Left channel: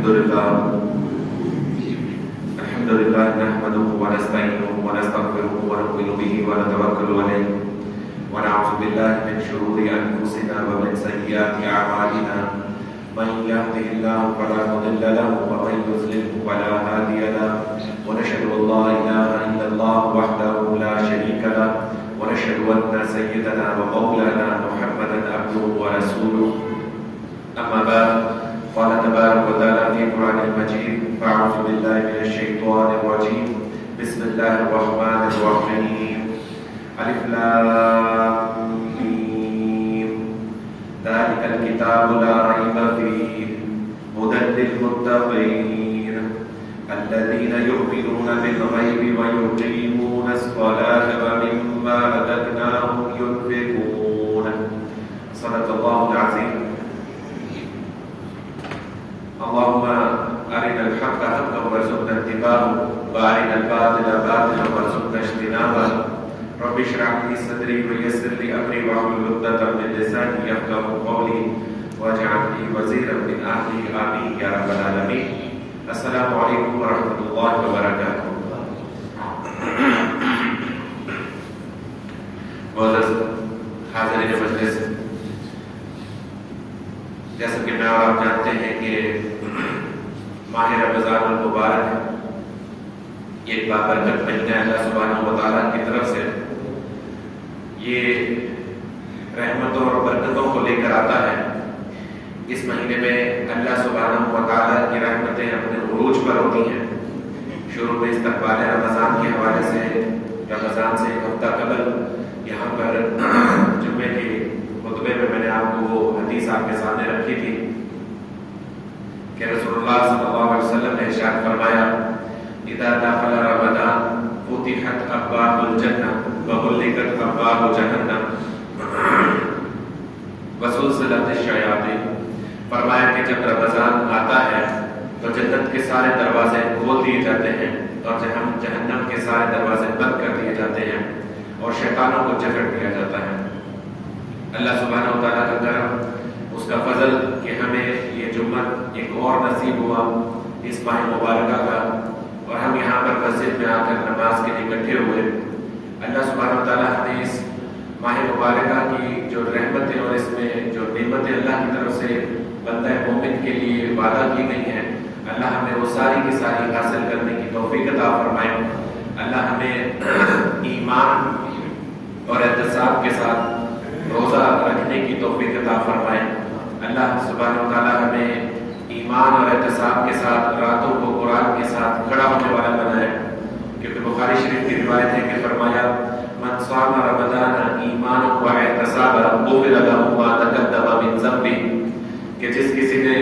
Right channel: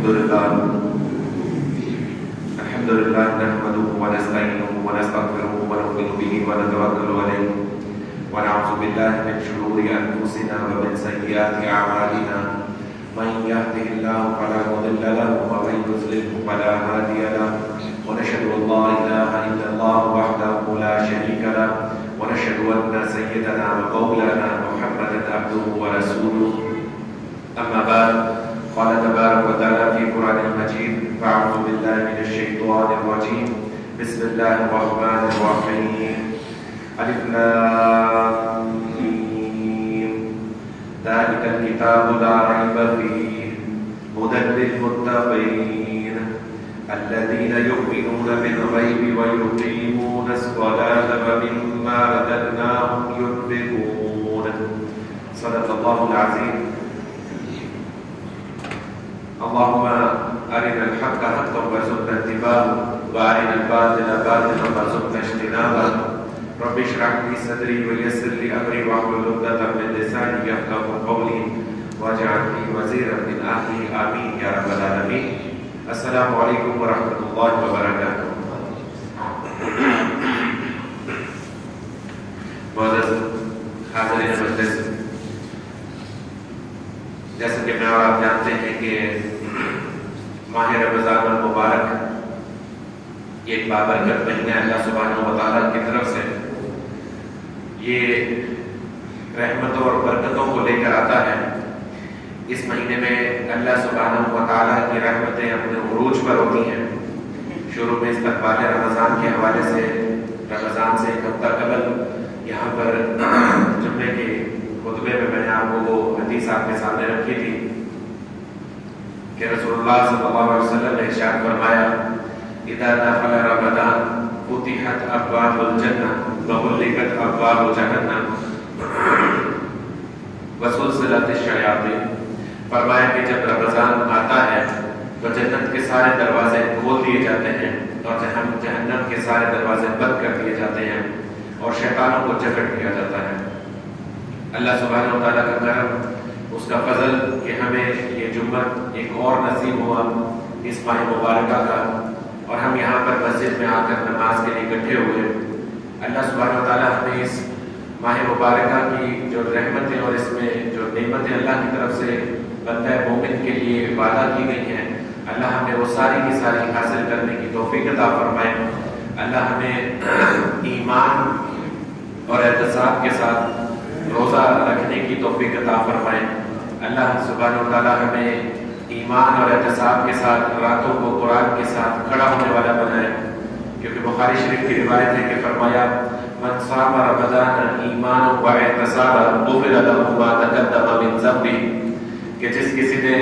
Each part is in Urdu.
الحمد لله نحمده ونستعينه ونستغفره ونؤمن به ونتوكل عليه ونعوذ بالله من شرور أنفسنا ومن سيئات أعمالنا من يهده الله فلا مضل له ومن يضلل فلا هادي له ونشهد أن لا إله إلا الله وحده لا شريك له ونشهد أن سيدنا ومولانا محمدا عبده ورسوله أما بعد قال تبارك وتعالى في القرآن المجيد فأعوذ بالله من الشيطان الرجيم بسم الله الرحمن الرحيم ألف لام ميم ذلك الكتاب لا ريب فيه هدى للمتقين الذين يؤمنون بالغيب ويقيمون الصلاة ومما رزقناهم ينفقون صدق الله العظيم. اللهم أرنا الحق حقا وارزقنا اتباعه وأرنا الباطل باطلا وارزقنا اجتنابه رب اشرح لي صدري ويسر لي أمري واحلل عقدة من لساني يفقهوا قولي واجعل لي وزيرا من أهلي آمين يا رب العالمين. السلام علیکم ورحمۃ اللہ وبرکاتہ. معزز حاضرین مجلس، جیسا کہ میں اور آپ جانتے ہیں کہ ماہ رمضان المبارک یہ ایک بابرکت مہینہ اللہ سبحانہ و تعالیٰ کی طرف سے یہ رحمتوں اور برکتوں کو لے کر آتا ہے. اس مہینے میں اللہ سبحانہ و تعالیٰ کی رحمتیں اپنے عروج پر ہوتی ہیں. شروع میں استقبال رمضان کے حوالے سے رمضان سے ایک ہفتہ قبل یہاں پر جمعے کے خطبے میں نے آپ کو وہ حدیث آپ کے سامنے رکھی تھی کہ رسول اللہ صلی اللہ علیہ وسلم نے ارشاد فرمایا اذا دخل رمضان فتحت ابواب الجنہ وغلقت ابواب جہنم وسلسلت الشیاطین. فرمایا کہ جب رمضان آتا ہے تو جنت کے سارے دروازے کھول دیے جاتے ہیں اور جہنم کے سارے دروازے بند کر دیے جاتے ہیں اور شیطانوں کو جکڑ دیا جاتا ہے. اللہ سبحانہ و تعالیٰ کا کرم، اس کا فضل کہ ہمیں یہ جمعہ ایک اور نصیب ہوا اس ماہ مبارکہ کا اور ہم یہاں پر مسجد میں آ کر نماز کے لیے اکٹھے ہوئے. اللہ سبحانہ و تعالیٰ ہمیں اس ماہ مبارکہ کی جو رحمتیں اور اس میں جو نعمتیں اللہ کی طرف سے بندہ مومن کے لیے وعدہ کی گئی ہیں، اللہ ہمیں وہ ساری کی ساری حاصل کرنے کی توفیق عطا فرمائے. اللہ ہمیں ایمان اور احتساب کے ساتھ روزہ رکھنے کی توفیق عطا فرمائے. اللہ سبحانہ و تعالیٰ ہمیں ایمان اور احتساب کے ساتھ راتوں کو قرآن کے ساتھ کھڑا ہونے والا بنائے، کیونکہ بخاری شریف کی روایت ہے کہ فرمایا من صام رمضان ایمانا و احتسابا غفر له ما تقدم من ذنبه، کہ جس کسی نے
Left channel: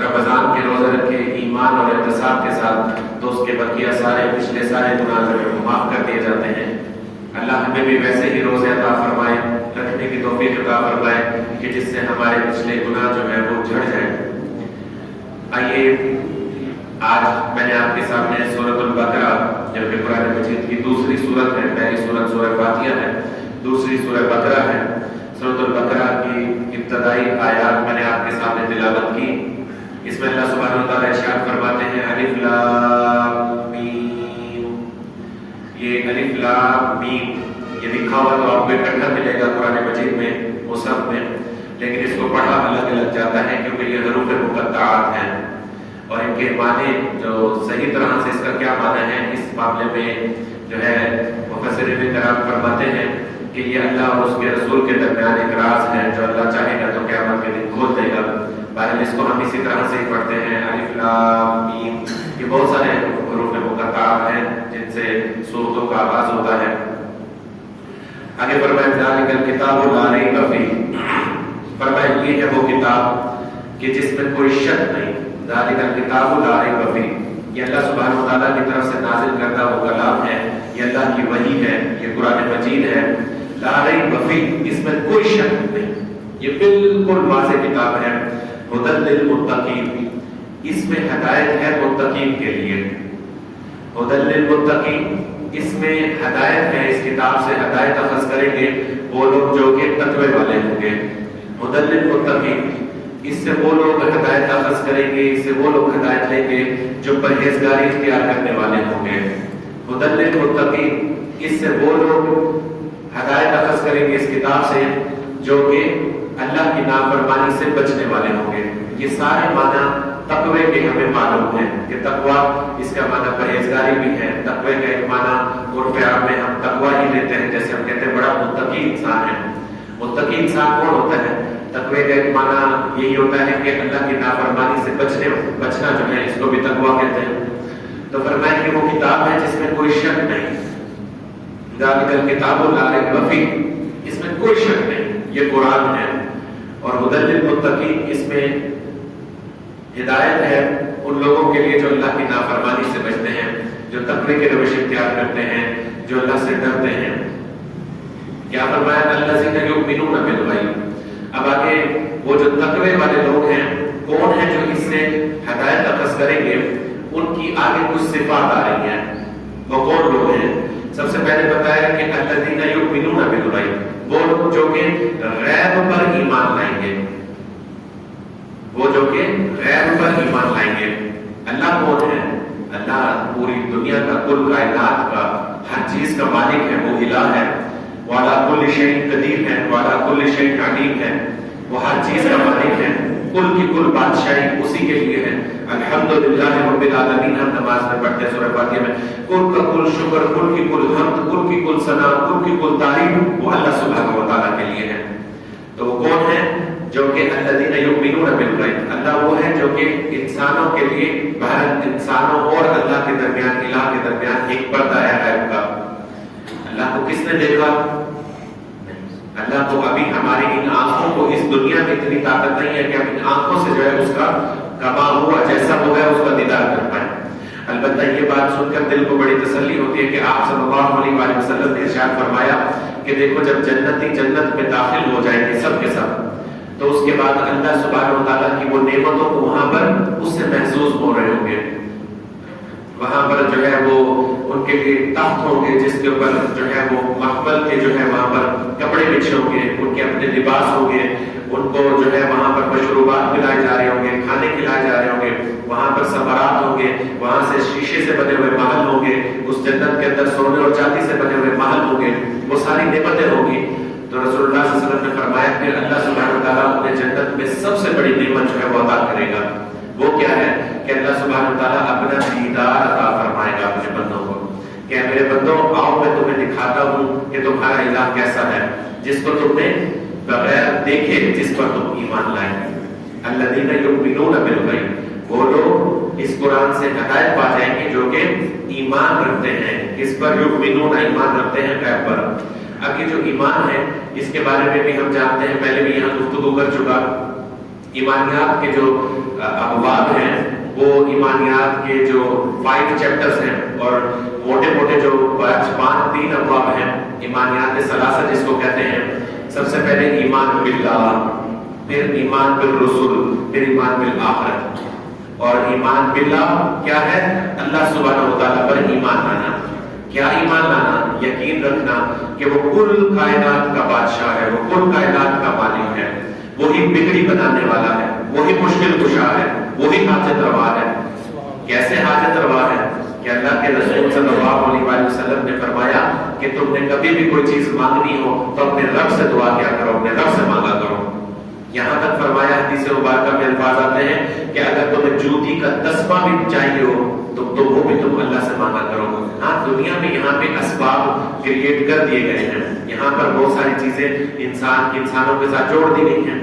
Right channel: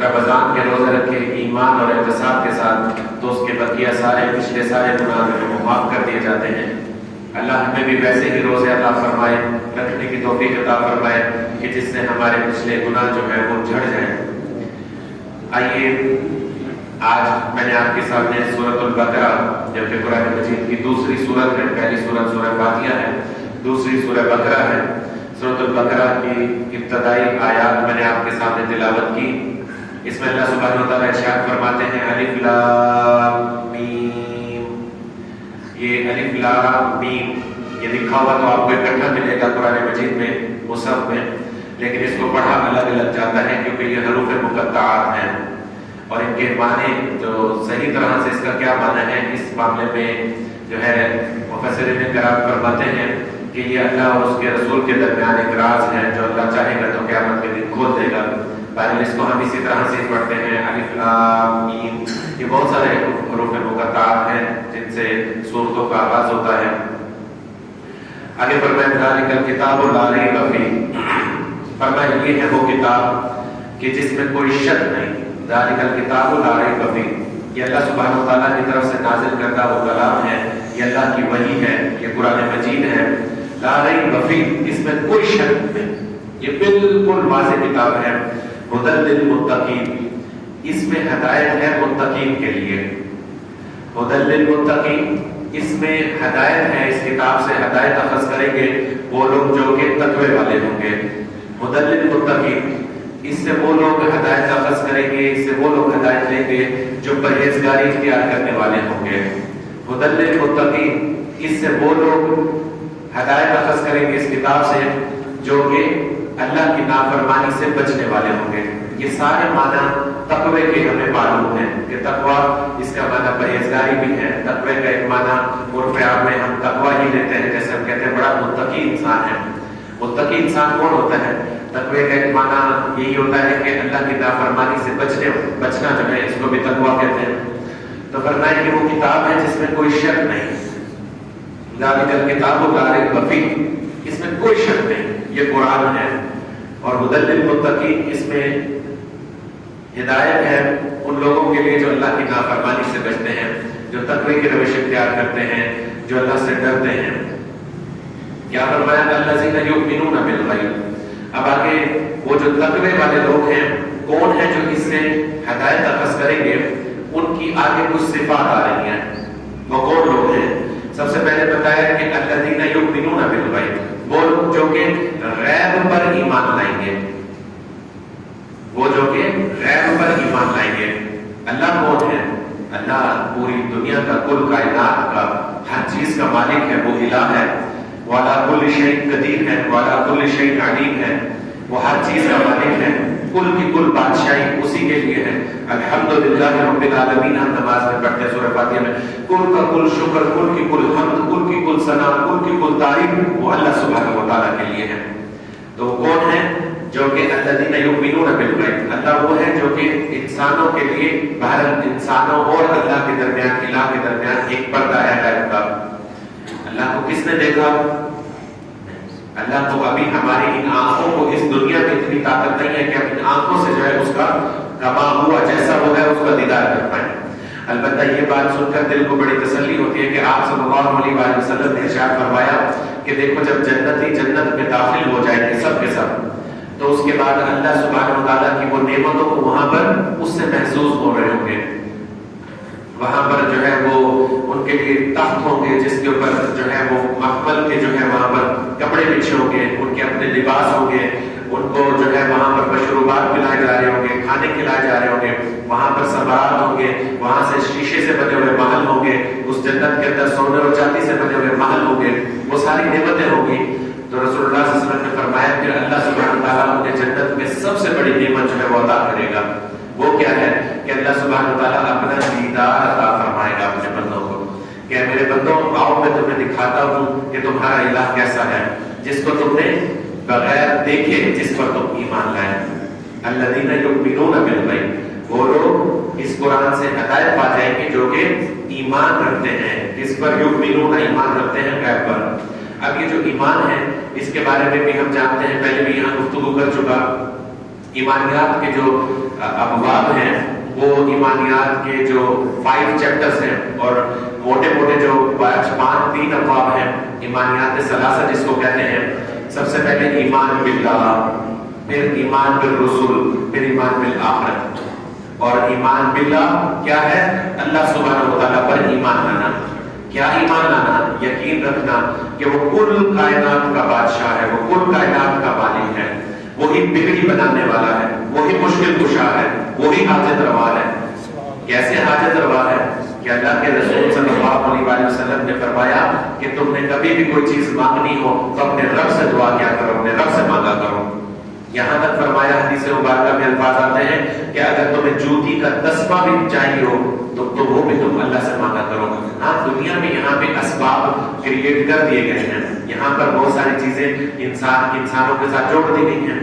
رمضان کے روزے رکھے ایمان اور احتساب کے ساتھ تو اس کے بقیہ سارے پچھلے سارے گناہ جو ہیں وہ معاف کر دیے جاتے ہیں. اللہ ہمیں بھی ویسے ہی روزے عطا فرمائے، رکھنے کی توفیق عطا فرمائے کہ جس سے ہمارے پچھلے گناہ جو ہے وہ جھڑ جائیں. آئیے آج میں نے آپ کے سامنے سورۃ البقرہ جو کہ قرآن مجید کی دوسری سورت ہے، پہلی سورت سورہ فاتحہ ہے، دوسری سورہ بقرہ ہے. سورۃ البقرہ کی ابتدائی آیات میں نے آپ کے سامنے تلاوت کی. اس میں اللہ سبحانہ و تعالیٰ ارشاد فرماتے ہیں الف لام میم. یہ الف لام میم یہ لکھا ہوا تو آپ کو اکٹھا ملے گا قرآن مجید میں مصحف میں، لیکن اس کو پڑھا الگ الگ جاتا ہے کیونکہ یہ حروف مقطعات ہیں اور ان کے معنی جو صحیح طرح سے اس کا کیا معنی ہے اس معاملے میں جو ہے مفسرین کرام فرماتے ہیں کہ یہ اللہ اور اس کے رسول کے درمیان ایک راز ہے جو اللہ چاہے گا تو قیامت کے دن کھول دے گا. باہر اس کو ہم اسی طرح سے پڑھتے ہیں الف لام میم. یہ بہت سارے حروف مقطعات ہیں جن سے سورتوں کا آغاز ہوتا ہے. آگے فرمایا ذالک الکتاب لا ریب فیہ، فرمایا یہ ہے وہ کتاب کہ جس میں کوئی شک نہیں. ذالک الکتاب لا ریب فیہ، یہ اللہ سبحانہ و تعالیٰ کی طرف سے نازل کردہ وہ کلام ہے، یہ اللہ کی وحی ہے، یہ قرآن مجید ہے. لا ریب فیہ، اس میں کوئی شک نہیں، یہ بالکل واضح کتاب ہے. ہدی للمتقین، اس میں ہدایت ہے متقین کے لیے. ہدی للمتقین، اس میں ہدایت ہے، اس کتاب سے ہدایت اخذ کریں گے وہ لوگ جو کہ تقوی والے ہوں گے. ہدی للمتقین، اس سے وہ لوگ ہدایت اخذ کریں گے، اس سے وہ لوگ ہدایت لیں گے جو پرہیزگاری اختیار کرنے والے ہوں گے۔ ہدی للمتقین، اس سے وہ لوگ ہدایت اخذ کریں گے اس کتاب سے جو کہ اللہ کی نافرمانی سے بچنے والے ہوں گے۔ یہ سارے معنی تقوی کے ہمیں معلوم ہیں کہ تقوی اس کا معنی پرہیزگاری بھی ہے۔ تقوی کا ایک معنی عرف عام میں ہم تقوی ہی لیتے ہیں، جیسے ہم کہتے ہیں بڑا متقی انسان ہے۔ متقی انسان کون ہوتا ہے؟ تقوی کا ایک معنی یہی ہوتا ہے کہ اللہ کی نافرمانی سے بچنا جو ہے، اس کو بھی تقوی کہتے ہیں۔ تو فرمایا کہ وہ کتاب ہے جس میں کوئی شک نہیں، ذالک الکتاب لا ریب فیہ، اس میں کوئی شک نہیں، یہ قرآن ہے۔ اور ہدی للمتقین، اس میں ہدایت ہے ان لوگوں کے لیے جو اللہ کی نافرمانی سے بچتے ہیں، جو تقوی کے روش اختیار کرتے ہیں، جو اللہ سے ڈرتے ہیں۔ کیا فرمایا؟ الذین یؤمنون بالغیب۔ اب آگے وہ جو تقوی والے لوگ ہیں کون ہیں جو اس سے ہدایت اخذ کریں گے، ان کی آگے کچھ صفات آ رہی ہیں۔ وہ کون لوگ ہیں؟ سب سے پہلے بتایا کہ الذین یؤمنون بالغیب، وہ جو کہ غیب پر ایمان لائیں گے، وہ جو کہ غیب پر ایمان لائیں گے۔ اللہ کون ہے؟ اللہ پوری دنیا کا، کل کائنات کا، ہر چیز کا مالک ہے، وہ الہ ہے۔ وعلی کل شیء قدیر ہے، وعلی کل شیء علیم ہے، وہ ہر چیز کا مالک ہے، کل کی کل بادشاہی اسی کے لیے ہے۔ الحمدللہ رب العالمین ہم نماز میں پڑھتے ہیں سورہ فاتحہ میں، کل کا کل شکر، کل کی کل حمد، کل کی کل ثنا، کل کی کل تعریف وہ اللہ سبحانہ و تعالیٰ کے لیے ہے۔ تو وہ کون ہے؟ جو کہ الذین یؤمنون بالغیب، اللہ وہ ہے جو کہ انسانوں کے لیے، بہرحال انسانوں اور اللہ کے درمیان، الہ کے درمیان ایک پردہ ہے غیب کا۔ اللہ کو کس نے دیکھا؟ اللہ کو ابھی ہماری ان آنکھوں کو اس دنیا میں اتنی طاقت نہیں ہے کہ ہم ان آنکھوں سے جو ہے اس کا کما ہوا جیسا وہ ہے اس کا دیدار کر پائیں۔ البتہ یہ بات سن کر دل کو بڑی تسلی ہوتی ہے کہ آپ صلی اللہ علیہ وآلہ وسلم نے ارشاد فرمایا کہ دیکھو جب جنتی جنت میں داخل ہو جائیں گے سب کے سب، تو اس کے بعد اللہ سبحانہ وتعالیٰ کی وہ نعمتوں کو وہاں پر اس سے محسوس ہو رہے ہوں گے۔ وہاں پر جو ہے وہ ان کے لیے تخت ہوں گے جس کے اوپر جو ہے وہ مخمل کے جو ہے وہاں پر کپڑے بچھے ہوں گے، ان کے اپنے لباس ہوں گے، ان کو جو ہے وہاں پر مشروبات پلائے جا رہے ہوں گے، کھانے کھلائے جا رہے ہوں گے، وہاں پر سمارات ہوں گے، وہاں سے شیشے سے بنے ہوئے محل ہوں گے، اس جنت کے اندر سونے اور چاندی سے بنے ہوئے محل ہوں گے، وہ ساری نعمتیں ہوں گی۔ تو رسول اللہ صلی اللہ علیہ وسلم نے فرمایا کہ اللہ سبحانہ وتعالیٰ انہیں جنت میں سب سے بڑی نعمت جو ہے وہ عطا کرے گا۔ وہ کیا ہے کہ اللہ سبحانہ وتعالیٰ اپنا دیدار عطا فرمائے گا اپنے بندوں کو، کہ میرے بندوں آؤ میں تمہیں دکھاتا ہوں کہ تمہارا الہ کیسا ہے، جس کو تم نے بغیر دیکھے جس پر تم ایمان لائے۔ الذین یؤمنون بالغیب، وہ لوگ اس قرآن سے ہدایت پا جائیں گے جو کہ ایمان رکھتے ہیں، اس پر یؤمنون ایمان رکھتے ہیں غیب پر۔ اب یہ جو ایمان ہے اس کے بارے میں بھی ہم جانتے ہیں، پہلے بھی یہاں گفتگو کر چکا۔ ایمانیات کے جو ابواب ہیں وہ ایمانیات کے جو 5 چیپٹرز ہیں اور موٹے موٹے جو 3 ابواب ہیں ایمانیات ثلاثہ جس کو کہتے ہیں۔ سب سے پہلے ایمان باللہ، پھر ایمان بالرسول، پھر ایمان بالآخرت۔ اور ایمان باللہ کیا ہے؟ اللہ سبحانہ و تعالیٰ پر ایمان لانا۔ کیا ایمان لانا؟ یقین رکھنا کہ وہ کل کائنات کا بادشاہ ہے، وہ کل کائنات کا مالک ہے، وہی بگڑی بنانے والا ہے، وہی مشکل کشا ہے، وہی حاجت روا ہے۔ کیسے حاجت روا ہے؟ کہ اللہ کے رسول صلی اللہ علیہ وآلہ وسلم نے فرمایا کہ تم نے کبھی بھی کوئی چیز مانگنی ہو تو اپنے رب سے دعا کیا کرو، اپنے رب سے مانگا کرو۔ یہاں تک فرمایا حدیث مبارکہ میں الفاظ آتے ہیں کہ اگر تمہیں جوتی کا تسمہ بھی چاہیے ہو تو وہ بھی تم اللہ سے مانگا کرو۔ ہاں دنیا میں یہاں پہ اسباب کریٹ کر دیے گئے ہیں، یہاں پر بہت ساری چیزیں انسانوں کے ساتھ جوڑ دی گئی ہیں۔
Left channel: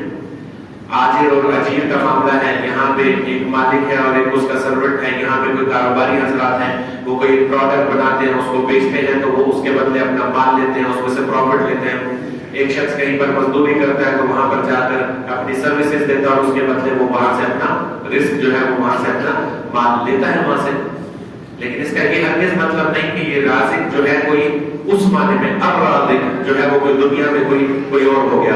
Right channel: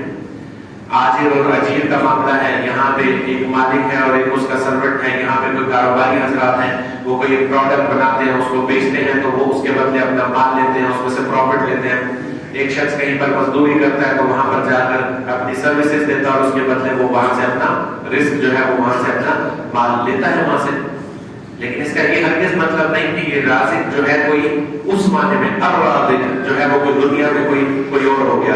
آجر اور اجیر کا معاملہ ہے، یہاں پہ ایک مالک ہے اور ایک اس کا سرونٹ ہے، یہاں پہ کوئی کاروباری حضرات ہیں، وہ کوئی پروڈکٹ بناتے ہیں، اس کو بیچتے ہیں تو وہ اس کے بدلے اپنا مال لیتے ہیں، اس کو سے پروفٹ لیتے ہیں۔ ایک شخص کہیں پر مزدوری کرتا ہے تو وہاں پر جا کر اپنی سروسز دیتا ہے اور اس کے بدلے وہ وہاں سے اپنا رزق جو ہے وہ وہاں سے اپنا مال لیتا ہے وہاں سے۔ لیکن اس کا یہ ہرگز مطلب نہیں کہ یہ رازق جو ہے کوئی اس معنی میں الرازق جو ہے وہ کوئی دنیا میں کوئی اور ہو گیا۔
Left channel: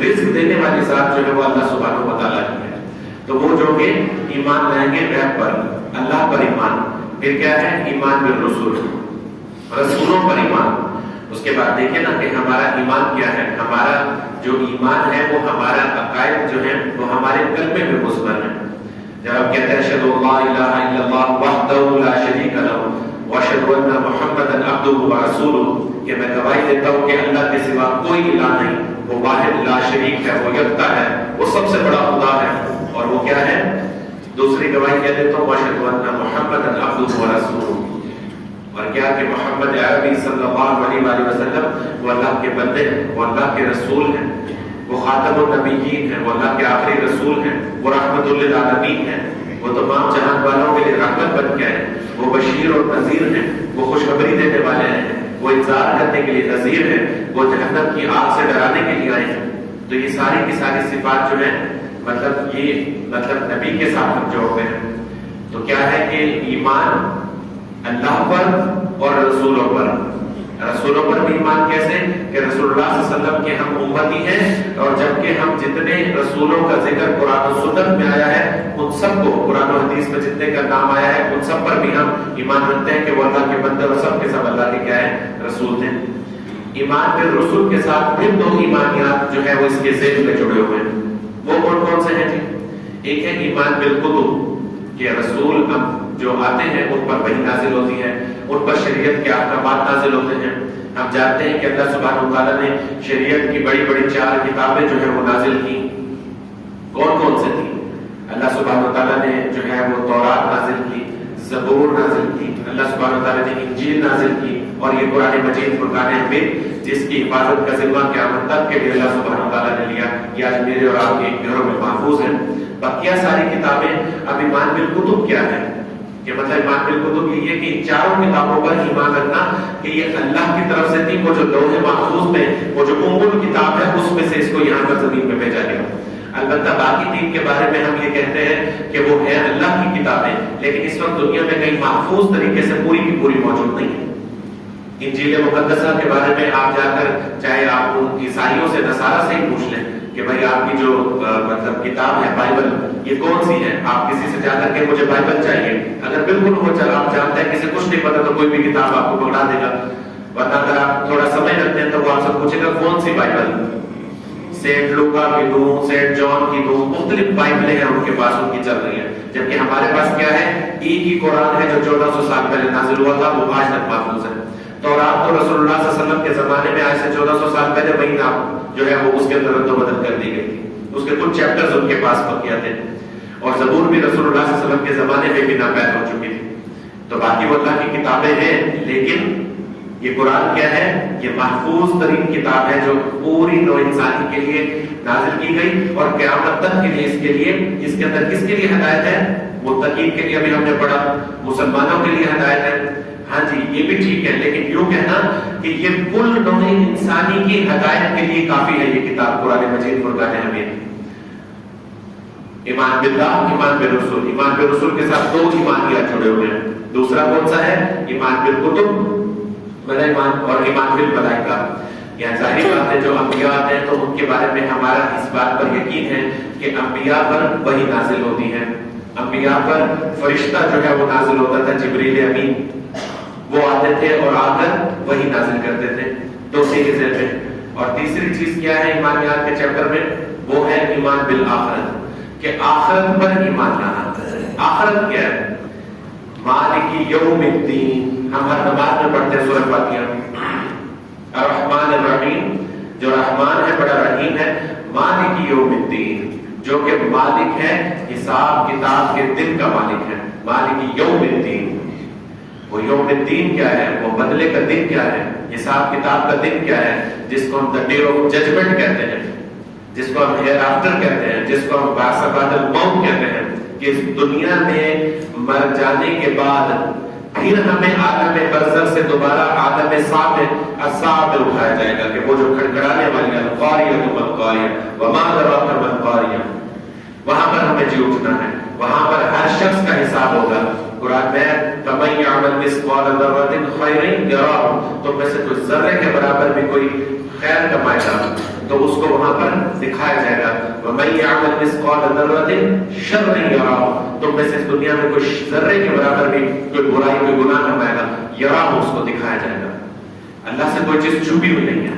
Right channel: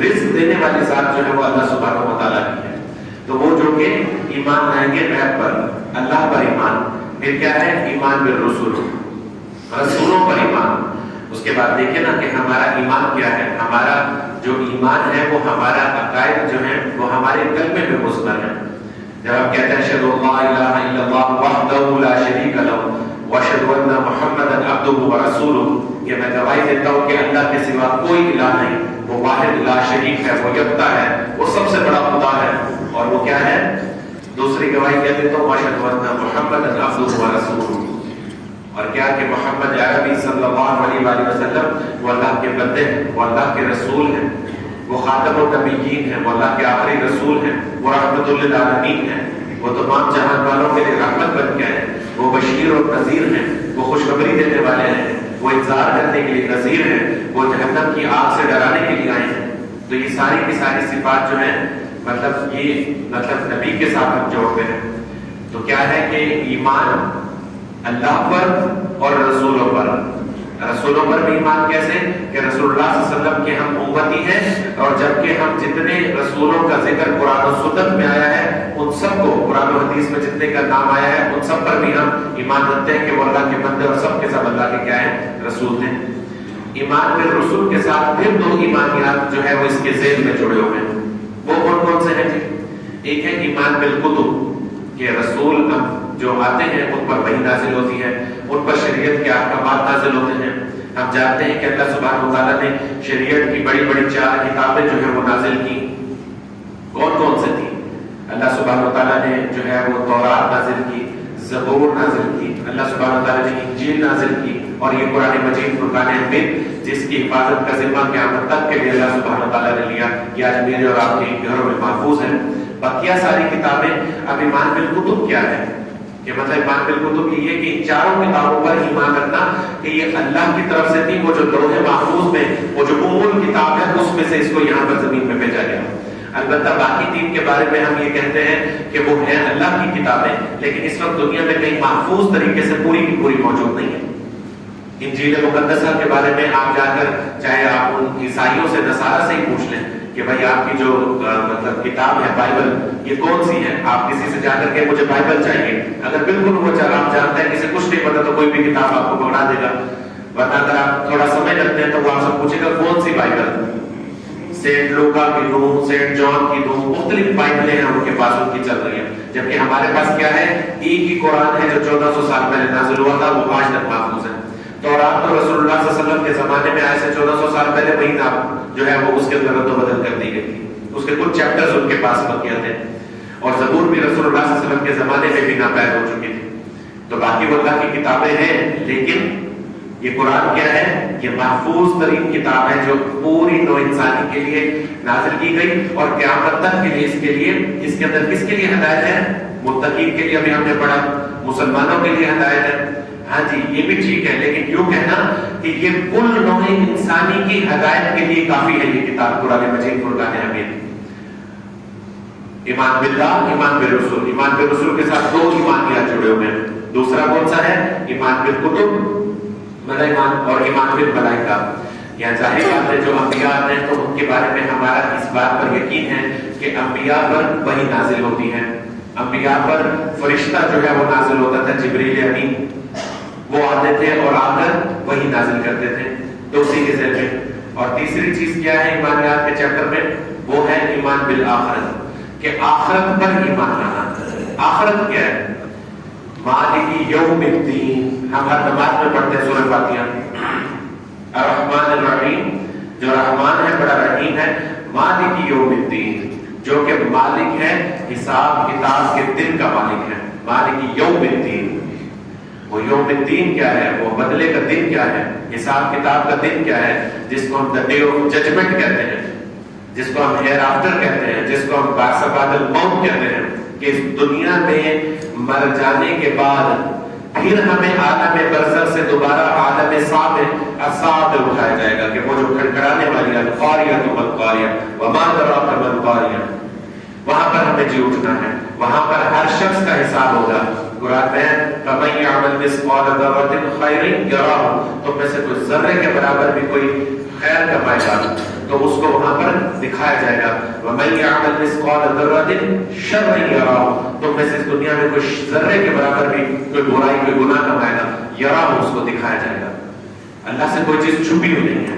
رزق دینے والی ذات جو ہے وہ اللہ سبحانہ و تعالیٰ کی ہے۔ تو وہ جو کہ ایمان لائیں گے غیب پر، اللہ پر ایمان، پھر کیا ہے؟ ایمان بالرسول، رسولوں پر ایمان۔ اس کے بعد دیکھیں نا کہ ہمارا ایمان کیا ہے. ہمارا جو ایمان ہے وہ ہمارا عقائد جو ہے وہ ہمارے قلب میں مضمر ہے. جب آپ کہتے ہیں اشہد ان لا الہ الا اللہ وحدہ لا شریک لہ واشہد ان محمدا عبدہ ورسولہ، کہ میں گواہی دیتا ہوں کہ اللہ کے سوا کوئی الہ نہیں، وہ واحد لا شریک ہے، وہ یکتا ہے، وہ سب سے بڑا خدا ہے. اور وہ کیا ہے؟ دوسری گواہی کیا دیتا ہوں واشہد ان محمدا عبدہ ورسولہ. اور کیا کہ محمد عربی صلی اللہ علیہ وآلہ وسلم وہ اللہ کے بندے ہیں، وہ اللہ کے رسول ہیں، وہ خاتم النبیین ہیں، وہ اللہ کے آخری رسول ہیں، وہ رحمت للعالمین ہیں، وہ تمام جہان والوں کے لیے رحمت بن کے ہیں، وہ بشیر اور نذیر ہیں، وہ خوشخبری دینے والے ہیں، وہ انذار کرنے کے لیے نذیر ہیں، وہ جہنم کی آگ سے ڈرانے کے لیے آئے ہیں. تو یہ ساری کی ساری صفات جو ہیں مطلب نبی کے ساتھ ہم جوڑتے ہیں. تو کیا ہے کہ ایمان اللہ پر اور رسولوں پر. رسولوں پر بھی ایمان کیسے کہ رسول اللہ صلی اللہ علیہ وسلم کے ہم امتی ہیں، اور جبکہ ہم جتنے رسولوں کا ذکر قرآن و سنت میں آیا ہے ان سب کو، قرآن و حدیث میں جتنے کا نام آیا ہے ان سب پر بھی ہم ایمان رکھتے ہیں کہ وہ اللہ کے بندے اور سب کے سب اللہ کے کیا ہیں؟ رسول ہیں. ایمان بالرسول کے ساتھ پھر دو ایمانیات جو ہے وہ اس کے ذیل میں جڑے ہوئے ہیں. وہ کون کون سے ہیں جی؟ ایک ہے ایمان بالکتب، کہ رسول جو آتے ہیں ان پر وحی نازل ہوتی ہے، ان پر شریعت کے احکامات نازل ہوتے ہیں. ہم جانتے ہیں کہ اللہ سبحانہ وتعالیٰ نے شریعت کی بڑی بڑی 4 کتابیں جو ہیں وہ نازل کی. کون کون سے تھی؟ اللہ سبحانہ وتعالیٰ نے جو ہے وہ تورات نازل کی، زبور نازل کی، اللہ سبحانہ وتعالیٰ نے انجیل نازل کی، اور یہ قرآن مجید فرقان حمید جس کی حفاظت کا ذمہ قیامت تک کے لیے اللہ سبحانہ وتعالیٰ نے لیا، یہ آج میرے اور آپ کے گھروں میں محفوظ ہے. بقیہ ساری کتابیں. اب ایمان بالکتب کیا ہے؟ کہ مطلب ایمان بالکتب یہ کہ ان 4 کتابوں پر ایمان رکھنا کہ یہ اللہ کی طرف سے تھی، وہ جو لوح محفوظ میں وہ جو کتاب ہے اس میں سے اس کو یہاں پر زمین پہ بھیجا گیا. البتہ باقی 3 کے بارے میں ہم یہ کہتے ہیں کہ وہ ہے اللہ کی کتابیں، لیکن اس وقت دنیا میں کہیں محفوظ طریقے سے پوری کی پوری موجود نہیں ہے. انجیل مقدسہ کے بارے میں آپ جا کر چاہے آپ عیسائیوں سے نصارہ سے ہی پوچھ لیں کہ بھائی آپ کی جو کتاب ہے بائبل یہ کون سی ہے، آپ کسی سے جا کر کے مجھے بائبل چاہیے، اگر بالکل وہ آپ جانتے ہیں کسی کچھ نہیں پتا تو کوئی بھی کتاب آپ کو پکڑا دے گا. ورنہ اگر آپ تھوڑا سمجھ رکھتے ہیں تو وہ آپ سے پوچھے گا کون سی بائبل، سینٹ لوکا کی نو، سینٹ جان کی نو، مختلف بائبلیں ہیں ان کے پاس، ان کی چل رہی ہیں. جبکہ ہمارے پاس کیا ہے؟ ایک ہی قرآن ہے جو 1400 سال پہلے نازل ہوا تھا، وہ آج تک محفوظ ہے. تورات تو رسول اللہ صلی اللہ علیہ وسلم کے زمانے میں آئے سے 1400 سال پہلے وہی نام جو ہے وہ اس کے اندر رد و بدل کر دی گئی تھی، اس کے کچھ چیپٹرز ان کے پاس بقیہ تھے. اور زبور بھی رسول اللہ صلی اللہ علیہ وسلم کے زمانے میں بھی ناپید ہو چکی تھی. تو باقی وہ اللہ کی کتابیں ہیں، لیکن یہ قرآن کیا ہے؟ یہ محفوظ ترین کتاب ہے جو پوری نوع انسانی کے لیے نازل کی گئی، اور قیامت تک کے لیے اس کے اندر کس کے لیے ہدایت ہے؟ متقین کے لیے. ابھی ہم نے پڑھا مسلمانوں کے لیے ہدایت ہے. ہاں جی یہ بھی ٹھیک ہے، لیکن یوں کہنا کہ یہ کل نوع انسانی کی ہدایت کے لیے کافی ہے یہ کتاب قرآن مجید فرقان حمید. ایمان باللہ، ایمان بالرسول. ایمان بالرسول کے ساتھ 2 ایمانیات جڑے ہوئے ہیں. دوسرا کون سا ہے؟ ایمان بالکتب اور ایمان بالملائکہ. یہاں ظاہر بات ہے جو انبیاء آتے ہیں تو ان کے بارے میں ہمارا اس بات پر یقین ہے کہ انبیاء پر وحی نازل ہوتی ہے. انبیاء پر فرشتہ جو ہے وہ نازل ہوتا تھا، جبریل امین، وہ آتے تھے اور آ کر وہی نازل کرتے تھے. تو اسی کے ذریعے. اور تیسری چیز کیا ہے ایمانیات کے چیپٹر میں؟ وہ ہے ایمان بالآخرت، کہ آخرت پر ایمان لانا. آخرت کیا ہے؟ مالک یوم الدین. ہم ہر نماز میں پڑھتے ہیں سورہ فاتحہ. الرحمن الرحیم، جو رحمان ہے بڑا رحیم ہے. مالک یوم الدین، جو کہ مالک ہے حساب کتاب کے دن کا مالک ہے. مالک یوم الدین. وہ یوم الدین کیا ہے؟ وہ بدلے کا دن کیا ہے؟ حساب کتاب کا دن کیا ہے؟ جس کو ہم ڈے آف ججمنٹ کہتے ہیں، جس کو ہم ہیر آفٹر کہتے ہیں، جس کو ہم بعد بعد الموت کہتے ہیں، کہ اس دنیا میں مر جانے کے بعد پھر ہمیں عالم برزخ سے دوبارہ عالم صاعد اٹھایا جائے گا، کہ وہ جو کھڑکھڑانے والی القاریہ والقاریہ وما ادراک ما القاریہ، وہاں پر ہمیں جی اٹھنا ہے. وہاں پر ہر شخص کا حساب ہوگا. قرآن میں فَمَن يَعْمَلْ مِثْقَالَ ذَرَّةٍ خَيْرًا يَرَهُ، تو میں سے کوئی ذرے کے برابر بھی کوئی خیر کمائے گا تو اس کو وہاں پر دکھایا جائے گا. وَمَن يَعْمَلْ مِثْقَالَ ذَرَّةٍ شَرًّا يَرَهُ، تو میں سے دنیا میں کوئی ذرے کے برابر بھی کوئی برائی کوئی گناہ کمائے گا، يَرَهُ، اس کو دکھایا جائے گا. اللہ سے کوئی چیز چھپی ہوئی نہیں ہے.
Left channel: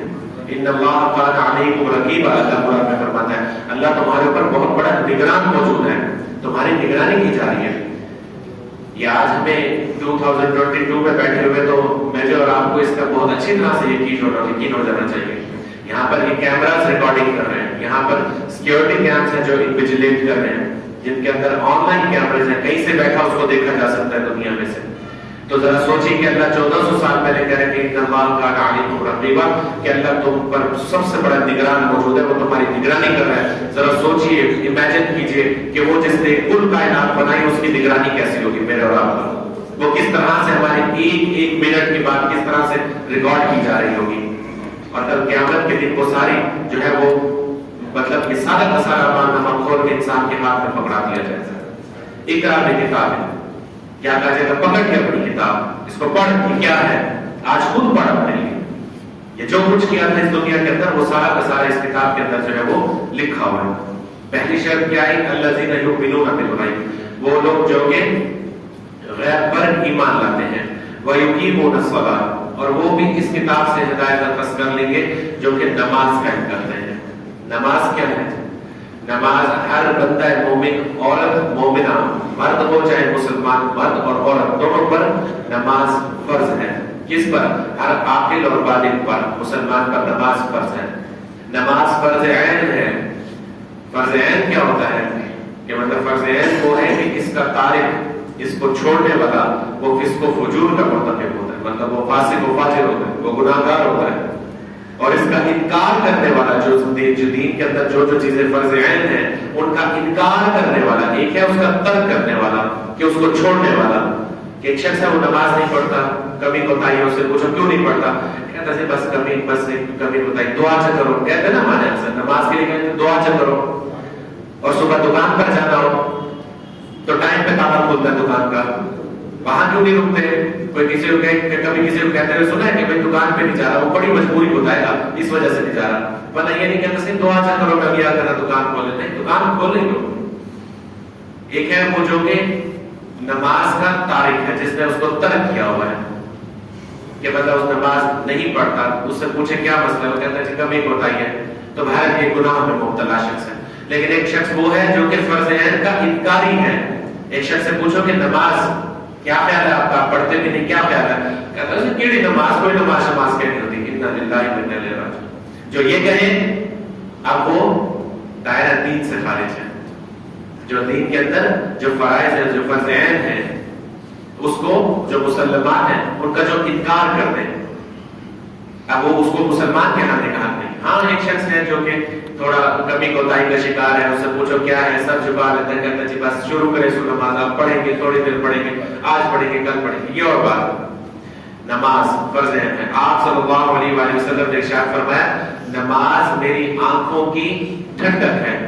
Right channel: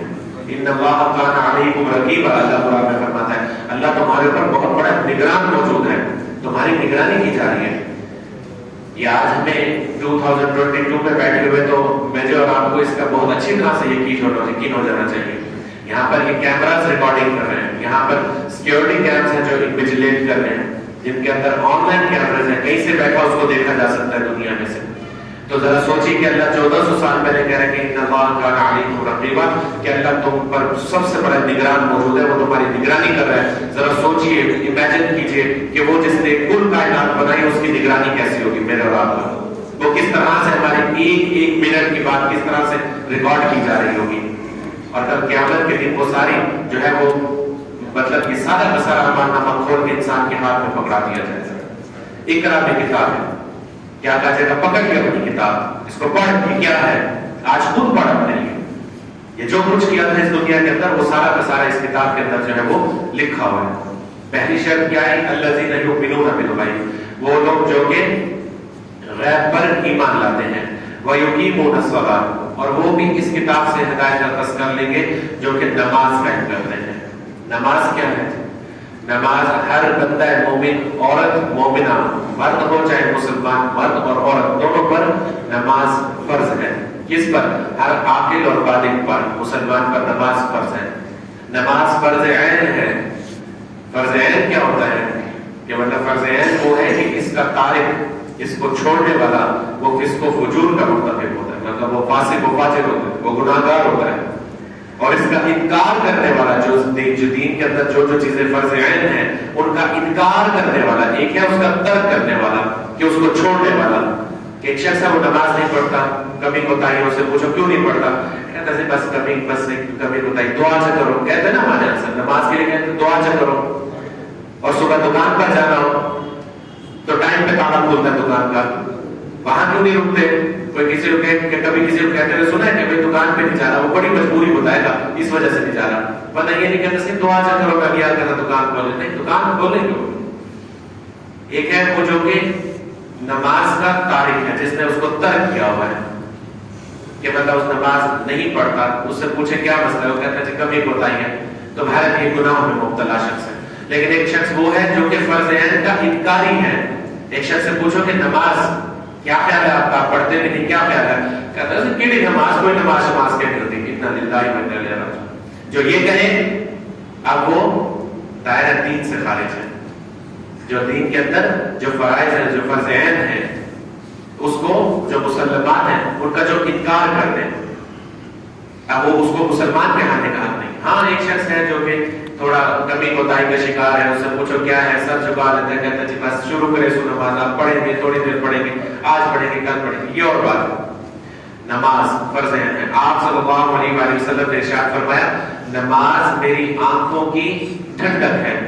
ان اللہ کان علیکم رقیبا، اللہ قرآن میں فرماتا ہے اللہ تمہارے اوپر بہت بڑا نگران موجود ہے، تمہاری نگرانی کی جا رہی ہے. یہ آج ہمیں 2022 میں بیٹھے ہوئے تو مجھے اور آپ کو اس کا بہت اچھی طرح سے یقین ہو جانا چاہیے. یہاں پر یہ کیمراز ریکارڈنگ کر رہے ہیں، یہاں پر سیکیورٹی کیمپس ہیں جو ویجیلیٹ کر رہے ہیں، جن کے اندر آن لائن کیمراز ہیں، کہیں سے بیٹھا اس کو دیکھا جا سکتا ہے دنیا میں سے. تو ذرا سوچیے کہ اللہ 1400 سال پہلے کہہ رہے ہیں کہ ان اللہ کان علیکم رقیبا، کہ اللہ تم پر سب سے بڑا نگران موجود ہے، وہ تمہاری نگرانی کر رہا ہے. ذرا سوچیے، امیجن کیجئے کہ وہ جس نے کل کائنات بنائی اس کی نگرانی کیسی ہوگی میرے اور آپ پر. وہ کس طرح سے ہمارے ایک ایک منٹ کی بات کس طرح سے ریکارڈ کی جا رہی ہوگی. اور کل قیامت کے دن وہ ساری جو ہے وہ مطلب کہ سارا کا سارا معنی کھول کے انسان کے ہاتھ میں پکڑا دیا جائے گا. اقرا میں کتاب ہے، کیا کہا جائے گا پکڑ کے اپنی کتاب، اس کو پڑھ کے کیا ہے آج خود پڑھ اپنے لیے. یہ جو کچھ کیا تھا اس دنیا کے اندر وہ سارا کا سارا اس کتاب کے اندر جو ہے وہ لکھا ہوا ہے. پہلی شرط کیا ہے؟ الذین یؤمنون بالغیب، وہ لوگ جو کہ غیب پر ایمان لاتے ہیں. ویقیمون الصلاۃ، اور وہ بھی اس کتاب سے ہدایت نفس کر لیں گے جو کہ نماز قائم کرتے ہیں. نماز کیا ہے؟ نماز ہر بندہ مومن، عورت مومنہ، مرد ہو چاہے مسلمان، مرد اور عورت دونوں پر نماز فرض ہے. کس پر؟ ہر عاقل اور بالغ پر، مسلمان پر نماز فرض ہے. نماز فرض عین ہے. فرض عین کیا ہوتا ہے؟ کہ مطلب فرض عین وہ ہے کہ اس کا تارک، اس کو چھوڑنے والا وہ فسق و فجور کا مرتکب ہوتا ہے، مطلب وہ فاسق و فاجر ہوتا ہے، وہ گناہگار ہوتا ہے. اور اس کا انکار کرنے والا جو دین کے اندر جو چیزیں فرض عین ہیں ان کا انکار کرنے والا، ایک ہے اس کا ترک کرنے والا کہ اس کو چھوڑنے والا. کہ ایک شخص ہے وہ نماز نہیں پڑھتا، کبھی کوتاہی سے پوچھو کیوں نہیں پڑھتا، کہتا ہے بس کبھی کوتاہی، دعا سے کرو. کہتے ہیں نا ہمارے یہاں سے نماز کے لیے کہتے ہیں دعا سے کرو. اور صبح دکان پر جانا ہو تو ٹائم پہ تالا کھولتا ہے دکان کا، وہاں کیوں نہیں رکتے؟ کوئی کسی کو کبھی کسی کو کہتے ہوئے سنا ہے کہ بھائی دکان پہ نہیں جا رہا، وہ بڑی مجبوری بتائے گا اس وجہ سے نہیں جا رہا. پتہ یہ نہیں کہتا صرف دعا سے کرو کبھی آ کر دکان کھولے، نہیں دکان کھولے کیوں. ایک ہے وہ جو کہ نماز کا تارک ہے، جس نے اس کو ترک کیا ہوا ہے کہ مطلب اس نماز نہیں پڑھتا. اس سے پوچھے کیا مسئلہ ہے، وہ کہتا ہے کبھی بتائیے، تو بھائی ایک گناہ میں مبتلا شخص ہے. لیکن ایک شخص وہ ہے جو کہ فرض عین کا انکاری ہے. ایک شخص سے پوچھو کہ نماز کیا خیال ہے آپ کا، پڑھتے بھی نہیں، کیا خیال ہے، کہتا ہے کیڑی نماز، کوئی نماز کہنی ہوتی، انا للہ و انا الیہ راجعون. جو یہ کہے اب وہ دائرہ دین سے خارج ہے. جو دین کے اندر جو فرائض ہیں، جو فرض عین ہیں، اس کو جو مسلمان ہیں ان کا جو انکار کر دیں، اب وہ اس کو مسلمان کہانے کا حق نہیں. ہاں ایک شخص ہے جو کہ تھوڑا کمی کوتاہی کا شکار ہے، اس سے پوچھو کیا ہے، سر جھکا لیتا ہے، کہتا جی بس شروع کرے سو نماز، آپ پڑھیں گے تھوڑی دیر پڑھیں گے، آج پڑھیں گے کل پڑھیں گے، یہ اور بات ہے. نماز فرض ہے. آپ صلی اللہ علیہ وآلہ وسلم نے ارشاد فرمایا نماز میری آنکھوں کی ٹھنڈک ہے.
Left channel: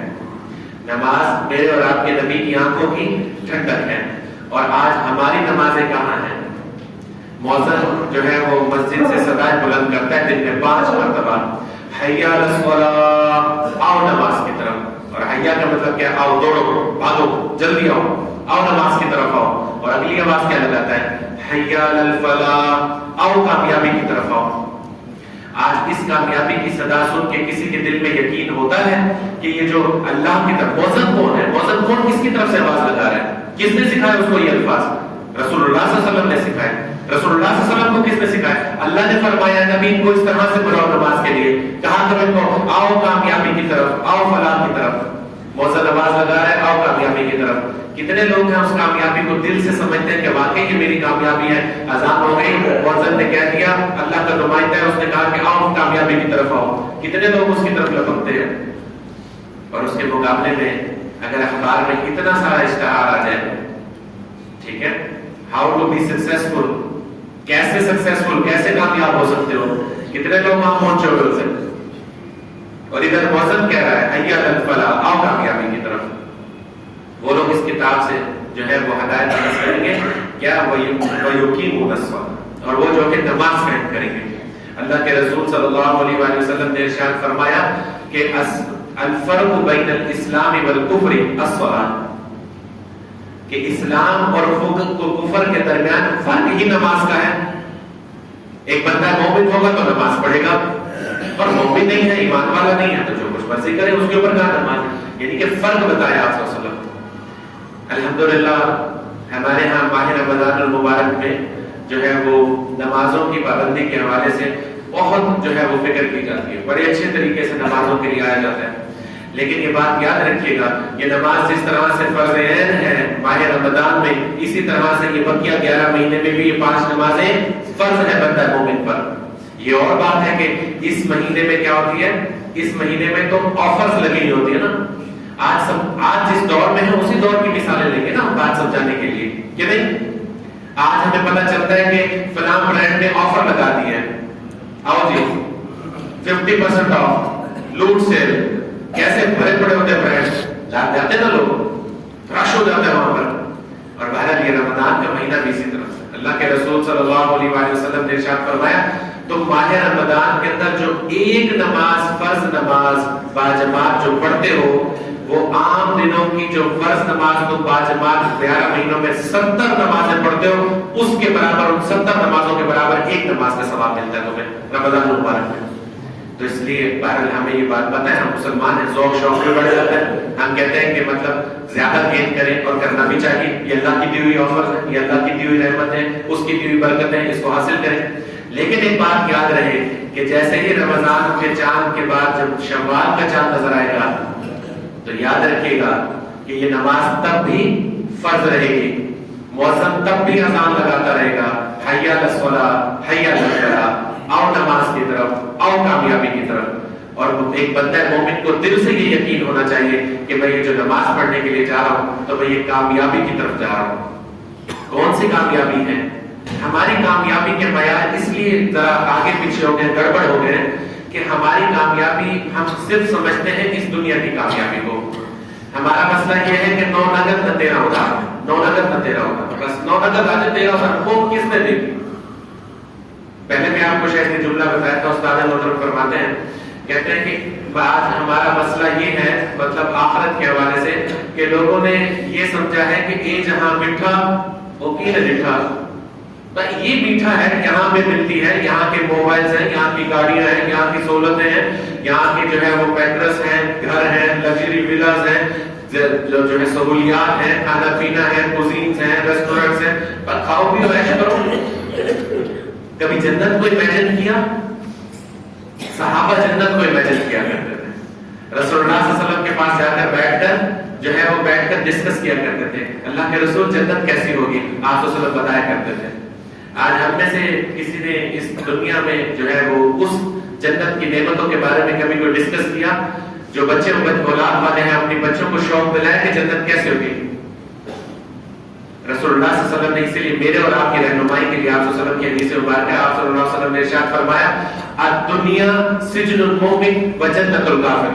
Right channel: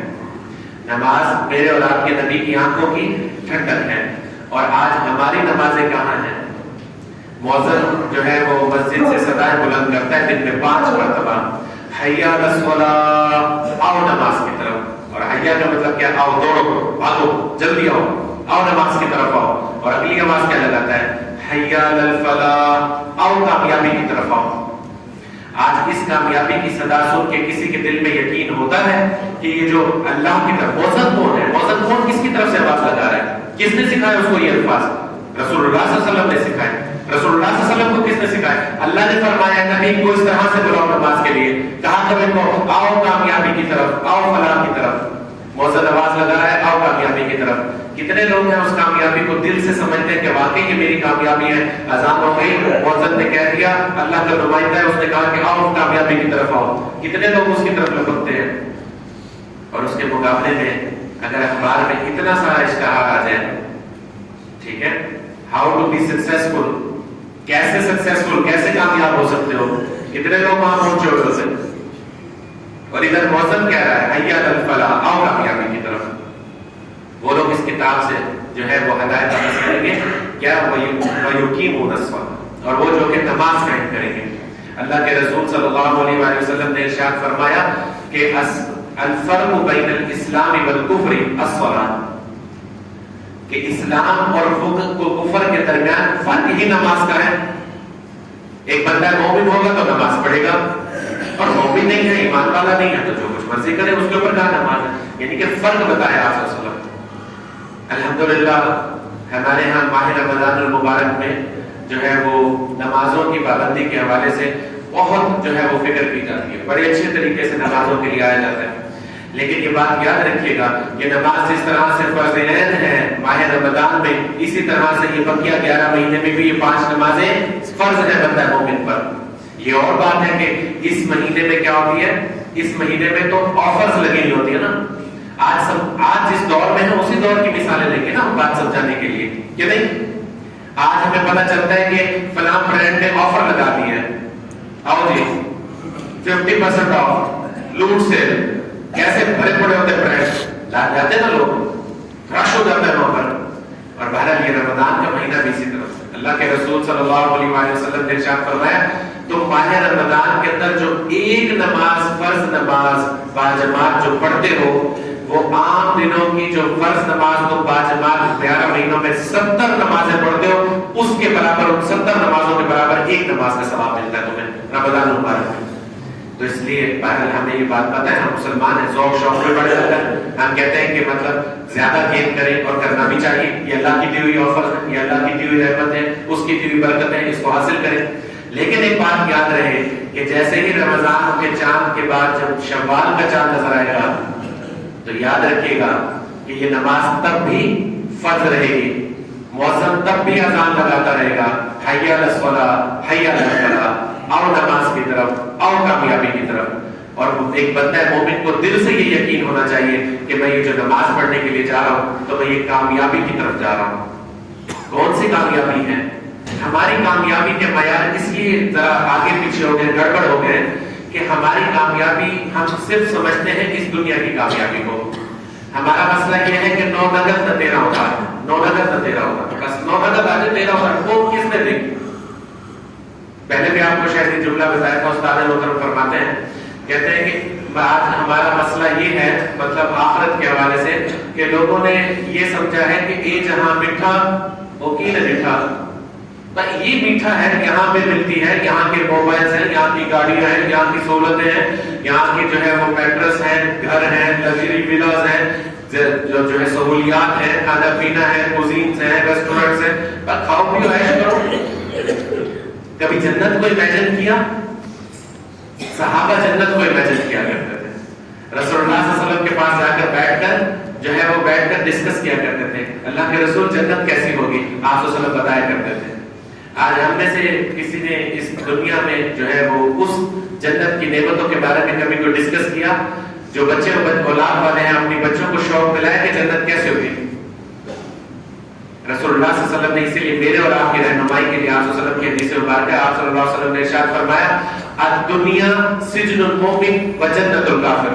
نماز میرے اور آپ کے نبی کی آنکھوں کی ٹھنڈک ہے. اور آج ہماری نمازیں کہاں ہیں؟ مؤذن جو ہے وہ مسجد سے صدائیں بلند کرتا ہے دن میں 5 مرتبہ، حیا علی الصلاۃ، آؤ نماز کی طرف. اور حیا کا مطلب کیا؟ آؤ، دوڑو، بھاگو، جلدی آؤ، آؤ نماز کی طرف آؤ. اور اگلی آواز کیا لگاتا ہے؟ حیا علی الفلاح، آؤ کامیابی کی طرف آؤ. آج اس کامیابی کی صدا سن کے کسی کے دل میں یقین ہوتا ہے کہ یہ جو اللہ کی طرف مؤذن کون ہے؟ مؤذن کون کس کی طرف سے آواز لگا رہا ہے؟ کس نے سکھایا اس کو یہ الفاظ؟ رسول اللہ صلی اللہ علیہ وسلم نے سکھائے. رسول اللہ صلی اللہ علیہ وسلم کو کس نے سکھایا؟ اللہ نے فرمایا نبی کو اس طرح سے بلاؤ نماز کے لیے، کہا تم ان کو آؤ کامیابی کی طرف، آؤ فلاح کی طرف. مؤذن آواز لگا رہا ہے آؤ کامیابی کی طرف. کتنے لوگ ہیں اس کامیابی کو دل سے سمجھتے ہیں کہ واقعی یہ میری کامیابی ہے؟ اذان ہو گئی، مؤذن نے کہہ دیا، اللہ کا نمائندہ ہے، اس نے کہا کہ آؤ کامیابی کی طرف آؤ. کتنے لوگ اس کی طرف لپکتے ہیں؟ اور اس کے مقابلے میں اگر اخبار میں اتنا سارا اشتہار آ جائے، ٹھیک ہے، ہاؤ ٹو بی سکسیسفل، کیسے سکسیسفل، کیسے کامیاب ہو سکتے ہو، کتنے لوگ وہاں پہنچے ہوئے اسے. اور ادھر مؤذن کہہ رہا ہے حیا علی الفلاح، آؤ کامیابی کی طرف. وہ لوگ اس کتاب سے جو ہے وہ ہدایت حاصل کریں گے کیا؟ وَيُقِيمُونَ الصَّلَاةَ، اور وہ جو کہ نماز قائم کریں گے. اللہ کے رسول صلی اللہ علیہ وآلہ وسلم نے ارشاد فرمایا کہ الفرق بین الاسلام والکفر الصلاۃ، کہ اسلام اور کفر کے درمیان فرق ہی نماز کا ہے. ایک بندہ مومن ہوگا تو نماز پڑھے گا، اور مومن نہیں ہے، ایمان والا نہیں ہے، تو جو کچھ مرضی کرے اس کے اوپر کیا نماز ہے، یعنی کہ فرق بتایا آپ صلی اللہ علیہ وسلم۔ الحمدللہ ہمارے ہاں ماہ رمضان المبارک میں جو ہے وہ نمازوں کی پابندی کے حوالے سے بہت جو ہے وہ فکر کی جاتی ہے، بڑے اچھے طریقے سے نمازوں کے لیے آیا جاتا ہے۔ لیکن یہ بات یاد رکھیے گا، یہ نماز جس طرح سے فرض عین ہے ماہ رمضان میں، اسی طرح سے یہ بقیہ 11 مہینے میں بھی یہ 5 نمازیں فرض ہے بندہ مومن پر۔ یہ اور بات ہے کہ اس مہینے میں کیا ہوتی ہے، اس مہینے میں تو آفرز لگی ہوتی ہے نا۔ آج جس دور میں ہے اسی دور کی مثالیں لیں گے نا ہم بات سمجھانے کے لیے، کہ نہیں؟ آج ہمیں پتہ چلتا ہے کہ فلاں برانڈ نے آفر لگا دی ہے، آؤ جی 50% آف، لوٹ سیل، کیسے بڑے بڑے ہوتے برانڈ جاتے نا لوگ، رش ہو جاتا ہے وہاں پر۔ اور بہرحال یہ رمضان کا مہینہ بھی اسی طرح سے اللہ کے رسول صلی اللہ علیہ وآلہ وسلم نے ارشاد فرمایا، تو ماہ رمضان کے اندر جو ایک نماز فرض نماز باجماعت جو پڑھتے ہو، وہ عام دنوں کی جو فرض نماز تو باجماعت 11 مہینوں میں 70 نمازیں پڑھتے ہو، اس کے برابر، ان 70 نمازوں کے برابر ایک نماز کا ثواب ملتا ہے تمہیں رمضان المبارک میں۔ تو اس لیے بہرحال ہمیں یہ بات پتہ ہے، ہم مسلمان ہیں، ذوق شوق بھی بڑھ جاتا ہے، ہم کہتے ہیں کہ مطلب زیادہ گین کریں، اور کرنا بھی چاہیے، یہ اللہ کی دی ہوئی آفر ہے، یہ اللہ کی دی ہوئی رحمت ہے، اس کی دی ہوئی برکت ہے، اس کو حاصل کریں۔ لیکن ایک بات یاد رہے کہ جیسے ہی رمضان کے چاند کے بعد جب شوال کا چاند نظر آئے گا، تو یاد رکھیے گا کہ یہ نماز تب بھی فرض رہے گی، مؤذن تب بھی اذان لگاتا رہے گا، حی علی الصلاۃ حی علی الفلاح، آؤ نماز کی طرف، آؤ کامیابی کی طرف۔ اور ایک بندہ مومن کو دل سے یہ یقین ہونا چاہیے کہ میں یہ جو نماز پڑھنے کے لیے جا رہا ہوں تو میں یہ کامیابی کی طرف جا رہا ہوں۔ کون سی کامیابی ہے؟ ہماری کامیابی کے معیار اس لیے ذرا آگے پیچھے ہو گئے، گڑبڑ ہو گئے کہ ہماری کامیابی ہم صرف سمجھتے ہیں اس دنیا کی کامیابی کو۔ ہمارا مسئلہ یہ ہے کہ 9 نقد نہ تیرا ہوگا، 9 نقد نہ تیرا ہوگا، بس 9 نقد آج تیرا ہوگا، وہ کس نے دی؟ پہلے بھی آپ کو شاید یہ جملہ بتایا تھا، استاد محترم فرماتے ہیں، کہتے ہیں کہ آج ہمارا مسئلہ یہ ہے، مطلب آخرت کے حوالے سے، کہ لوگوں نے یہ سمجھا ہے کہ اے جہاں میٹھا وہ کی نہ میٹھا، یہ میٹھا ہے، یہاں پہ ملتی ہے، یہاں کے موبائلز ہیں، یہاں کی گاڑیاں ہیں، یہاں کی سہولتیں ہیں، یہاں کی جو ہے وہ میٹرس ہیں، گھر ہیں، لگژری ویلاز ہیں، جو ہے سہولیات ہیں، کھانا پینا ہے، کوزینز ہیں، ریسٹورنٹس ہیں، پر کھاؤ پیو عیش کرو۔ کبھی جنت کو امیجن کیا؟ صحابہ جنت کو امیجن کیا کرتے تھے، رسول اللہ صلی اللہ علیہ وسلم کے پاس جا کر بیٹھ کر جو ہے وہ بیٹھ کر ڈسکس کیا کرتے تھے، اللہ کے رسول جنت کیسی ہوگی، آپ صلی اللہ علیہ وسلم بتایا کرتے تھے۔ آج ہم میں سے کسی نے اس دنیا میں جو ہے وہ اس جنت کی نعمتوں کے بارے میں کبھی کوئی ڈسکس کیا؟ جو بچے اولاد والے ہیں اپنی بچوں کو شوق دلائے کہ جنت کیسے ہوگی۔ رسول اللہ صلی اللہ علیہ وسلم نے اسی لیے میرے اور آپ کی رہنمائی کے لیے آپ صلی اللہ علیہ وسلم کی حدیث مبارکہ، آپ صلی اللہ علیہ وسلم نے ارشاد فرمایا، الدنیا سجن المؤمن وجنت الکافر۔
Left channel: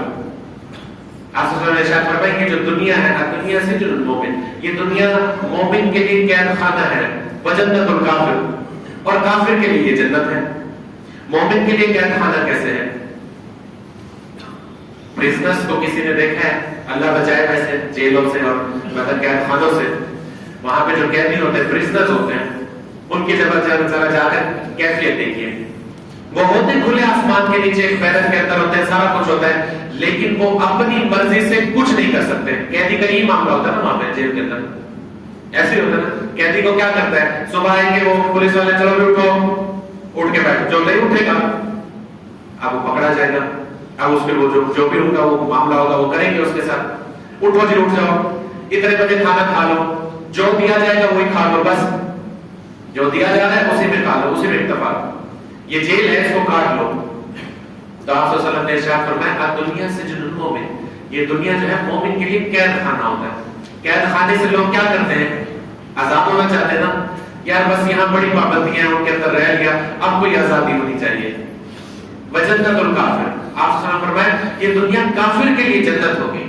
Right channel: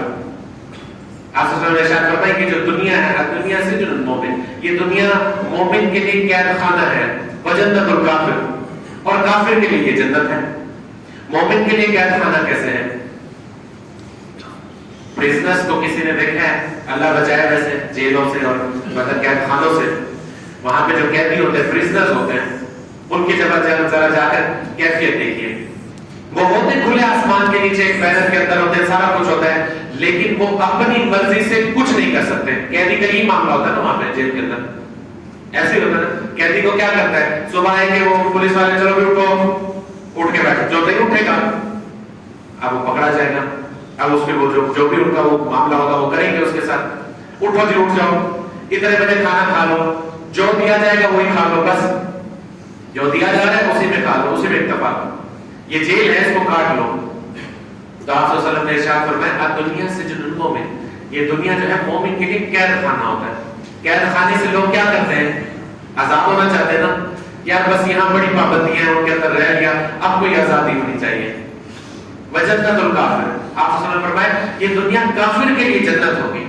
آپ صلی اللہ علیہ وسلم نے ارشاد فرمایا کہ جو دنیا ہے، الدنیا سجن المؤمن، یہ دنیا مومن کے لیے قید خانہ ہے، وجنت الکافر، اور کافر کے لیے یہ جنت ہے۔ مومن کے لیے قید خانہ کیسے ہے؟ پرزنرز کو کسی نے دیکھا ہے؟ اللہ بچائے ویسے جیلوں سے اور مطلب قید خانوں سے، وہاں پہ جو قیدی ہوتے ہیں پرزنرز ہوتے ہیں، ان کی جگہ ذرا جا کر کیفیت دیکھیے، وہ ہوتے کھلے آسمان کے نیچے ایک بیرن کے اندر ہوتے ہیں، سارا کچھ ہوتا ہے، لیکن وہ اپنی مرضی سے کچھ نہیں کر سکتے۔ قیدی کا یہی معاملہ ہوتا ہے نا وہاں پہ جیل کے اندر، ایسے ہوتا ہے۔ قیدی کو کیا کرتا ہے؟ صبح آئیں گے وہ پولیس والے، چلو بھی اٹھو، اٹھ کے بیٹھ، جو نہیں اٹھے گا اب وہ پکڑا جائے گا، اب اس پہ وہ جو بھی ان کا وہ معاملہ ہوگا وہ کریں گے اس کے ساتھ۔ اٹھو جی، اٹھ جاؤ، اتنے بجے کھانا کھا لو، جو دیا جائے گا وہی کھا لو، بس جو دیا جا رہا ہے اسی میں کھا لو، اسی میں اکتفا، یہ جیل ہے اس کو کاٹ لو۔ تو آپ صلی اللہ علیہ وسلم نے ارشاد فرمایا، دنیا سجن المؤمن، یہ دنیا جو ہے مومن کے لیے قید خانہ ہوتا ہے۔ قید خانے سے لوگ کیا کرتے ہیں؟ آزاد ہونا چاہتے ہیں نا یار، بس یہاں بڑی پابندیاں ہیں، ان کے اندر رہ گیا، اب کوئی آزادی ہونی چاہیے۔ وجنت الکافر، آپ صلی اللہ علیہ وسلم فرمایا یہ دنیا کافر کے لیے جنت ہوگی،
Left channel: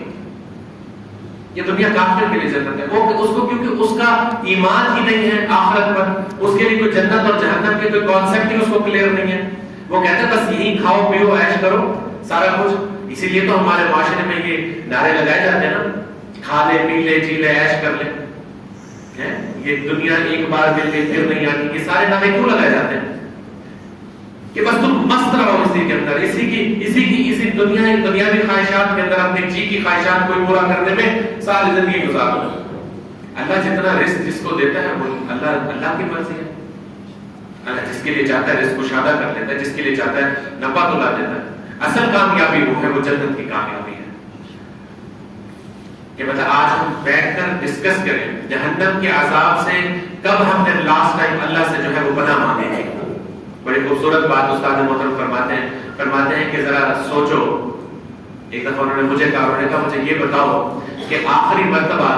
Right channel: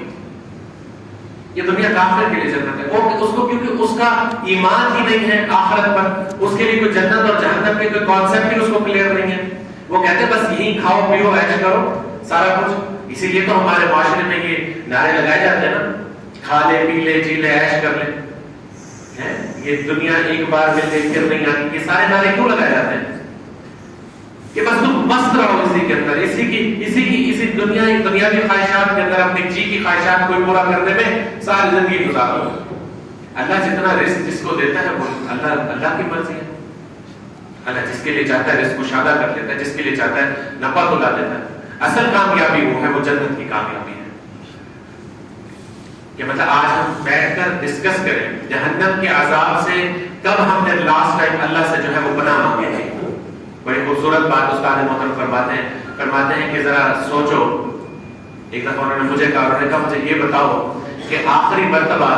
یہ دنیا کافر کے لیے جنت ہے، اس کو کیونکہ اس کا ایمان ہی نہیں ہے آخرت پر، اس کے لیے کوئی جنت اور جہنم کے کوئی کانسیپٹ ہی اس کو کلیئر نہیں ہے۔ وہ کہتے ہیں بس یہی کھاؤ پیو عیش کرو سارا کچھ۔ اسی لیے تو ہمارے معاشرے میں یہ نعرے لگائے جاتے ہیں نا، کھا لے پی لے جی لے عیش کر لے، یہ دنیا ایک بار مل لے پھر نہیں آتی، یہ سارے نعرے کیوں لگائے جاتے ہیں؟ کہ بس تم مست رہو اسی کے اندر، اسی دنیاوی خواہشات کے اندر، اپنی جی کی خواہشات کو پورا کرنے میں ساری زندگی گزار دو. اللہ جتنا رزق جس کو دیتا ہے وہ اللہ کی مرضی ہے. اللہ جس کے لیے چاہتا ہے رزق کشادہ کر دیتا ہے، جس کے لیے چاہتا ہے نفع تلا دیتا ہے. اصل کامیابی وہ ہے، وہ جنت کی کامیابی ہے. کہ مطلب آج ہم بیٹھ کر ڈسکس کریں جہنم کے عذاب سے کب ہم نے لاسٹ ٹائم اللہ سے جو ہے وہ پناہ مانگے تھے. بڑی خوبصورت بات استاد محترم فرماتے ہیں کہ ذرا سوچو. ایک دفعہ انہوں نے مجھے کہا مجھے یہ بتاؤ کہ آخری مرتبہ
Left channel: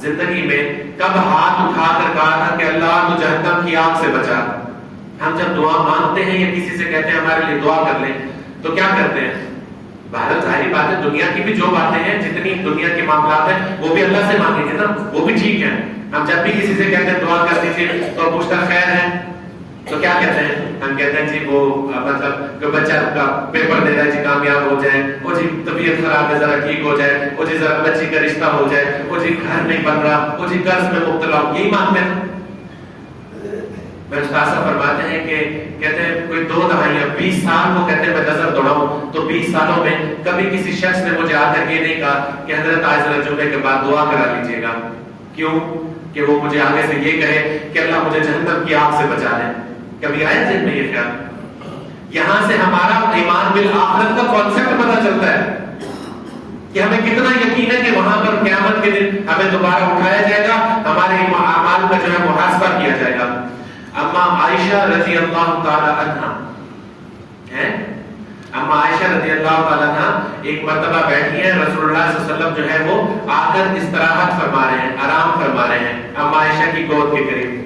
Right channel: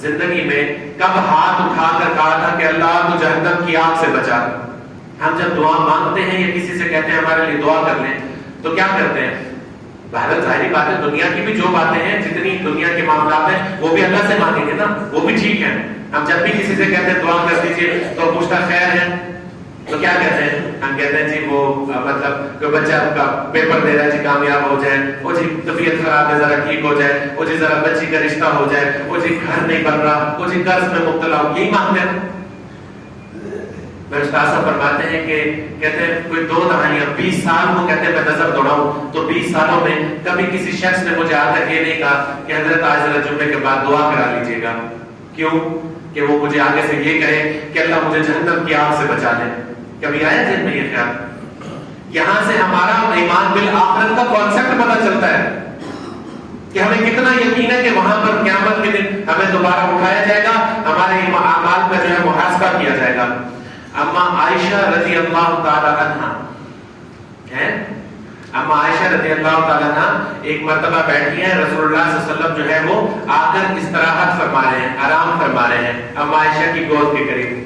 زندگی میں کب ہاتھ اٹھا کر کہا تھا کہ اللہ تو جہنم کی آگ سے بچا. ہم جب دعا مانگتے ہیں یا کسی سے کہتے ہیں ہمارے لیے دعا کر لیں تو کیا کرتے ہیں؟ بہرحال ظاہری بات ہے دنیا کی بھی جو باتیں ہیں، جتنی دنیا کے معاملات ہیں وہ بھی اللہ سے مانگیں گے نا، وہ بھی ٹھیک ہے. ہم جب بھی کسی سے کہتے ہیں دعا کر دیجیے تو پوچھتا خیر ہے تو کیا کہتے ہیں؟ ہم کہتے ہیں جی وہ مطلب کوئی بچہ کا پیپر دے رہا ہے جی کامیاب ہو جائے، وہ جی طبیعت خراب ہے ذرا ٹھیک ہو جائے، وہ جی ذرا بچی کا رشتہ ہو جائے، وہ جی گھر نہیں بن رہا، وہ جی قرض میں مبتلا ہو، یہی مانگتے ہیں. میں استاد صاحب فرماتے ہیں کہ کہتے ہیں کوئی 2 دہائیاں 20 سال کو کہتے ہیں میں نظر دوڑاؤں تو 20 سالوں میں کبھی کسی شخص نے مجھے آ کر یہ نہیں کہا کہ حضرت آج ذرا جمعے کے بعد دعا کرا لیجیے گا. کیوں؟ کہ وہ مجھے آگے سے یہ کہے کہ اللہ مجھے جہنم کی آگ سے بچا دے. کبھی آئے ذہن میں یہ خیال؟ یہاں سے ہمارا ایمان بالآخرت کا کانسیپٹ پتہ چلتا ہے کہ ہمیں کتنا یقین ہے کہ وہاں پر قیامت کے دن ہمیں دوبارہ اٹھایا جائے گا، ہمارے اعمال کا جو ہے محاسبہ کیا جائے گا. اما عائشہ رضی اللہ تعالی عنہ ہے، اما عائشہ رضی اللہ تعالی عنہ ایک مرتبہ بیٹھی ہیں، رسول اللہ صلی اللہ علیہ وسلم جو ہے وہ آ کر استراحت فرما رہے ہیں، آرام فرما رہے ہیں اما عائشہ کی گود کے قریب.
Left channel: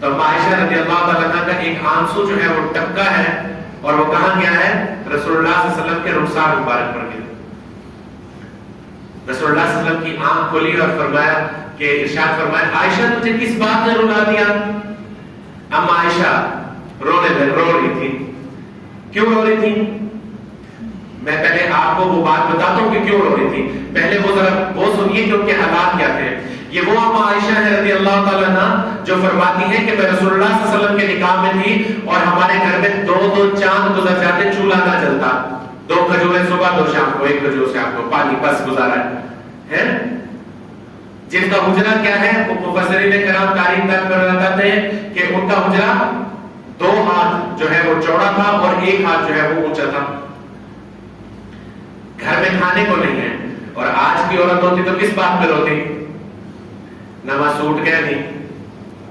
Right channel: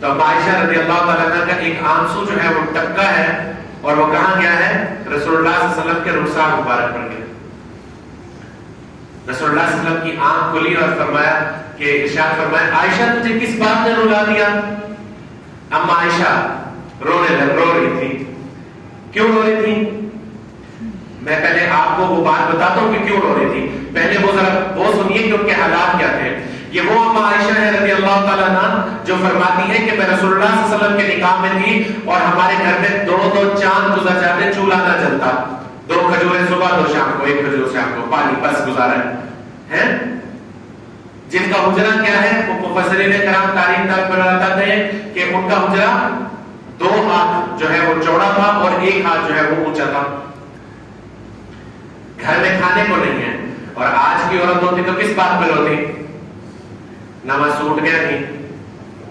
تو اما عائشہ رضی اللہ تعالی عنہ کا ایک آنسو جو ہے وہ ٹپکا ہے اور وہ کہاں گیا ہے؟ رسول اللہ صلی اللہ علیہ وسلم کے رخسار مبارک پر گیا. رسول اللہ صلی اللہ علیہ وسلم کی آنکھ کھلی اور فرمایا کہ ارشاد فرمایا عائشہ تجھے کس بات نے رلا دیا؟ اما عائشہ رو رہی تھی. کیوں رو رہی تھی؟ میں پہلے آپ کو وہ بات بتاتا ہوں کہ کیوں رو رہی تھی. پہلے وہ ذرا وہ سنیے کہ ان کے حالات کیا تھے. یہ وہ اما عائشہ ہے رضی اللہ تعالیٰ عنہ جو فرماتی ہے کہ میں رسول اللہ صلی اللہ علیہ وسلم کے نکاح میں تھی اور ہمارے گھر میں 2 چاند گزر جاتے، چولہا نہ جلتا. 2 کھجوریں صبح 2 شام کو، 1 کھجور شام کو، پانی بس گزارا ہے. جن کا حجرہ کیا ہے وہ مفسرین کرام تاریخ تک بتاتے ہیں کہ ان کا حجرہ 2 ہاتھ جو ہے وہ چوڑا تھا اور 1 ہاتھ جو ہے وہ اونچا تھا. گھر میں کھانے کو نہیں ہے. اور آج کی عورت ہوتی تو کس بات پر ہوتی؟ نواں سوٹ کیا نہیں،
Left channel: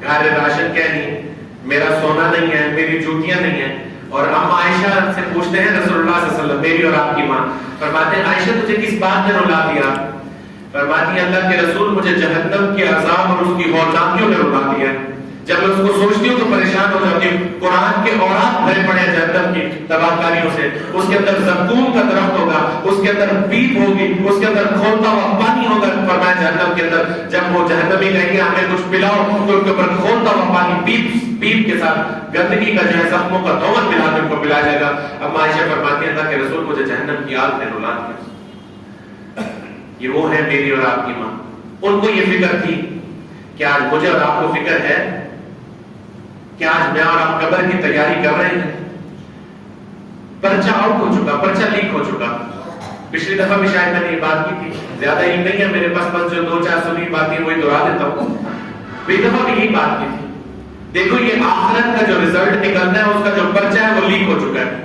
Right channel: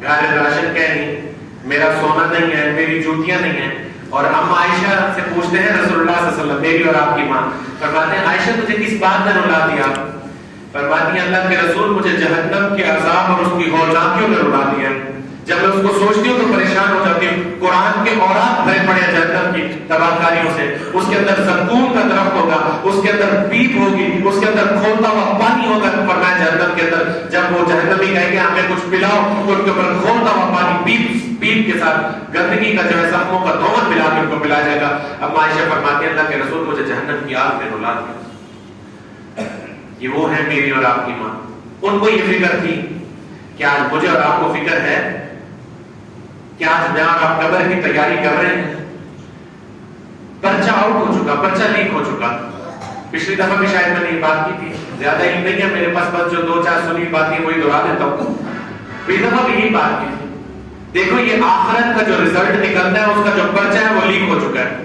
گھر میں راشن کیا نہیں، میرا سونا نہیں ہے، میری جوتیاں نہیں ہیں. اور ہم عائشہ سے پوچھتے ہیں رسول اللہ صلی اللہ علیہ وسلم، میری اور آپ کی ماں، فرماتے ہیں عائشہ تجھے کس بات نے رلا دیا؟ فرماتی ہیں اللہ کے رسول مجھے جہنم کے عذاب اور اس کی ہولناکیوں نے رلا دیا. جب میں اس کو سوچتی ہوں تو پریشان ہو جاتی ہوں. قرآن کے اوراق بھرے پڑے جہنم کی تباہ کاریوں سے. اس کے اندر زقوم کا درخت ہوگا، اس کے اندر پیپ ہوگی، اس کے اندر کھولتا ہوا پانی ہوگا. فرمایا جہنم کے اندر جب وہ جہنمی کہیں گے ہمیں کچھ پلاؤ تو ان کے اوپر کھولتا ہوا پانی پیپ کے ساتھ گندگی کا جو ہے زخموں کا دھون ملا کے ان کو پلایا جائے گا. اب عائشہ فرماتی ہیں اللہ کے رسول مجھے جہنم کی آگ نے رلا دیا. یہ وہ ہے میری اور آپ کی ماں. ان کو یہ فکر تھی. کیا آج مجھے اور آپ کو فکر ہے؟ کیا آج میں اور آپ قبر کی تیاری کر رہے ہیں؟ پرچہ آؤٹ ہو چکا، پرچہ لیک ہو چکا. پچھلی دفعہ بھی شاید میں نے یہ بات کی تھی، زیادہ ہی نہیں ہے میرے پاس، بس جو 2-4 سنی باتیں وہی دہرا دیتا ہوں. پچھلی دفعہ بھی یہی بات کی تھی. دیکھو یہ آخرت کا جو رزلٹ نکلتا ہے اس کا جو پرچہ ہے وہ لیک ہو چکا ہے.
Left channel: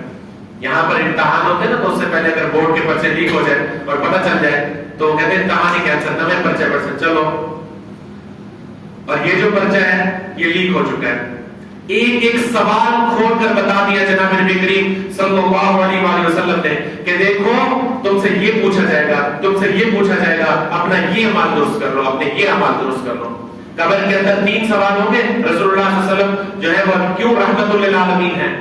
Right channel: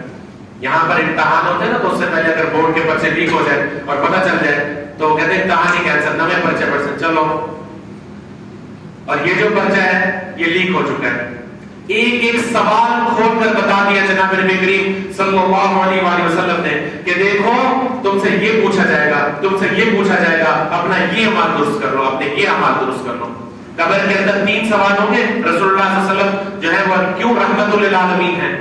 یہاں پر امتحان ہوتے ہیں نا تو اس سے پہلے اگر بورڈ کے پرچے لیک ہو جائے اور پتہ چل جائے تو کہتے ہیں امتحان ہی کینسل، نئے پرچے چلو. اور یہ جو پرچہ ہے یہ لیک ہو چکا ہے. ایک سوال کھول کر بتا دیا جناب نبی کریم صلی اللہ علیہ وآلہ وسلم نے کہ دیکھو تم سے یہ پوچھا جائے گا، تم سے یہ پوچھا جائے گا، اپنا یہ عمل درست کر لو، اپنے یہ عمل درست کر لو. قبر کے اندر 3 سوال ہوں گے. رسول اللہ صلی اللہ علیہ وسلم جو ہے وہ کیوں رحمت للعالمین ہے؟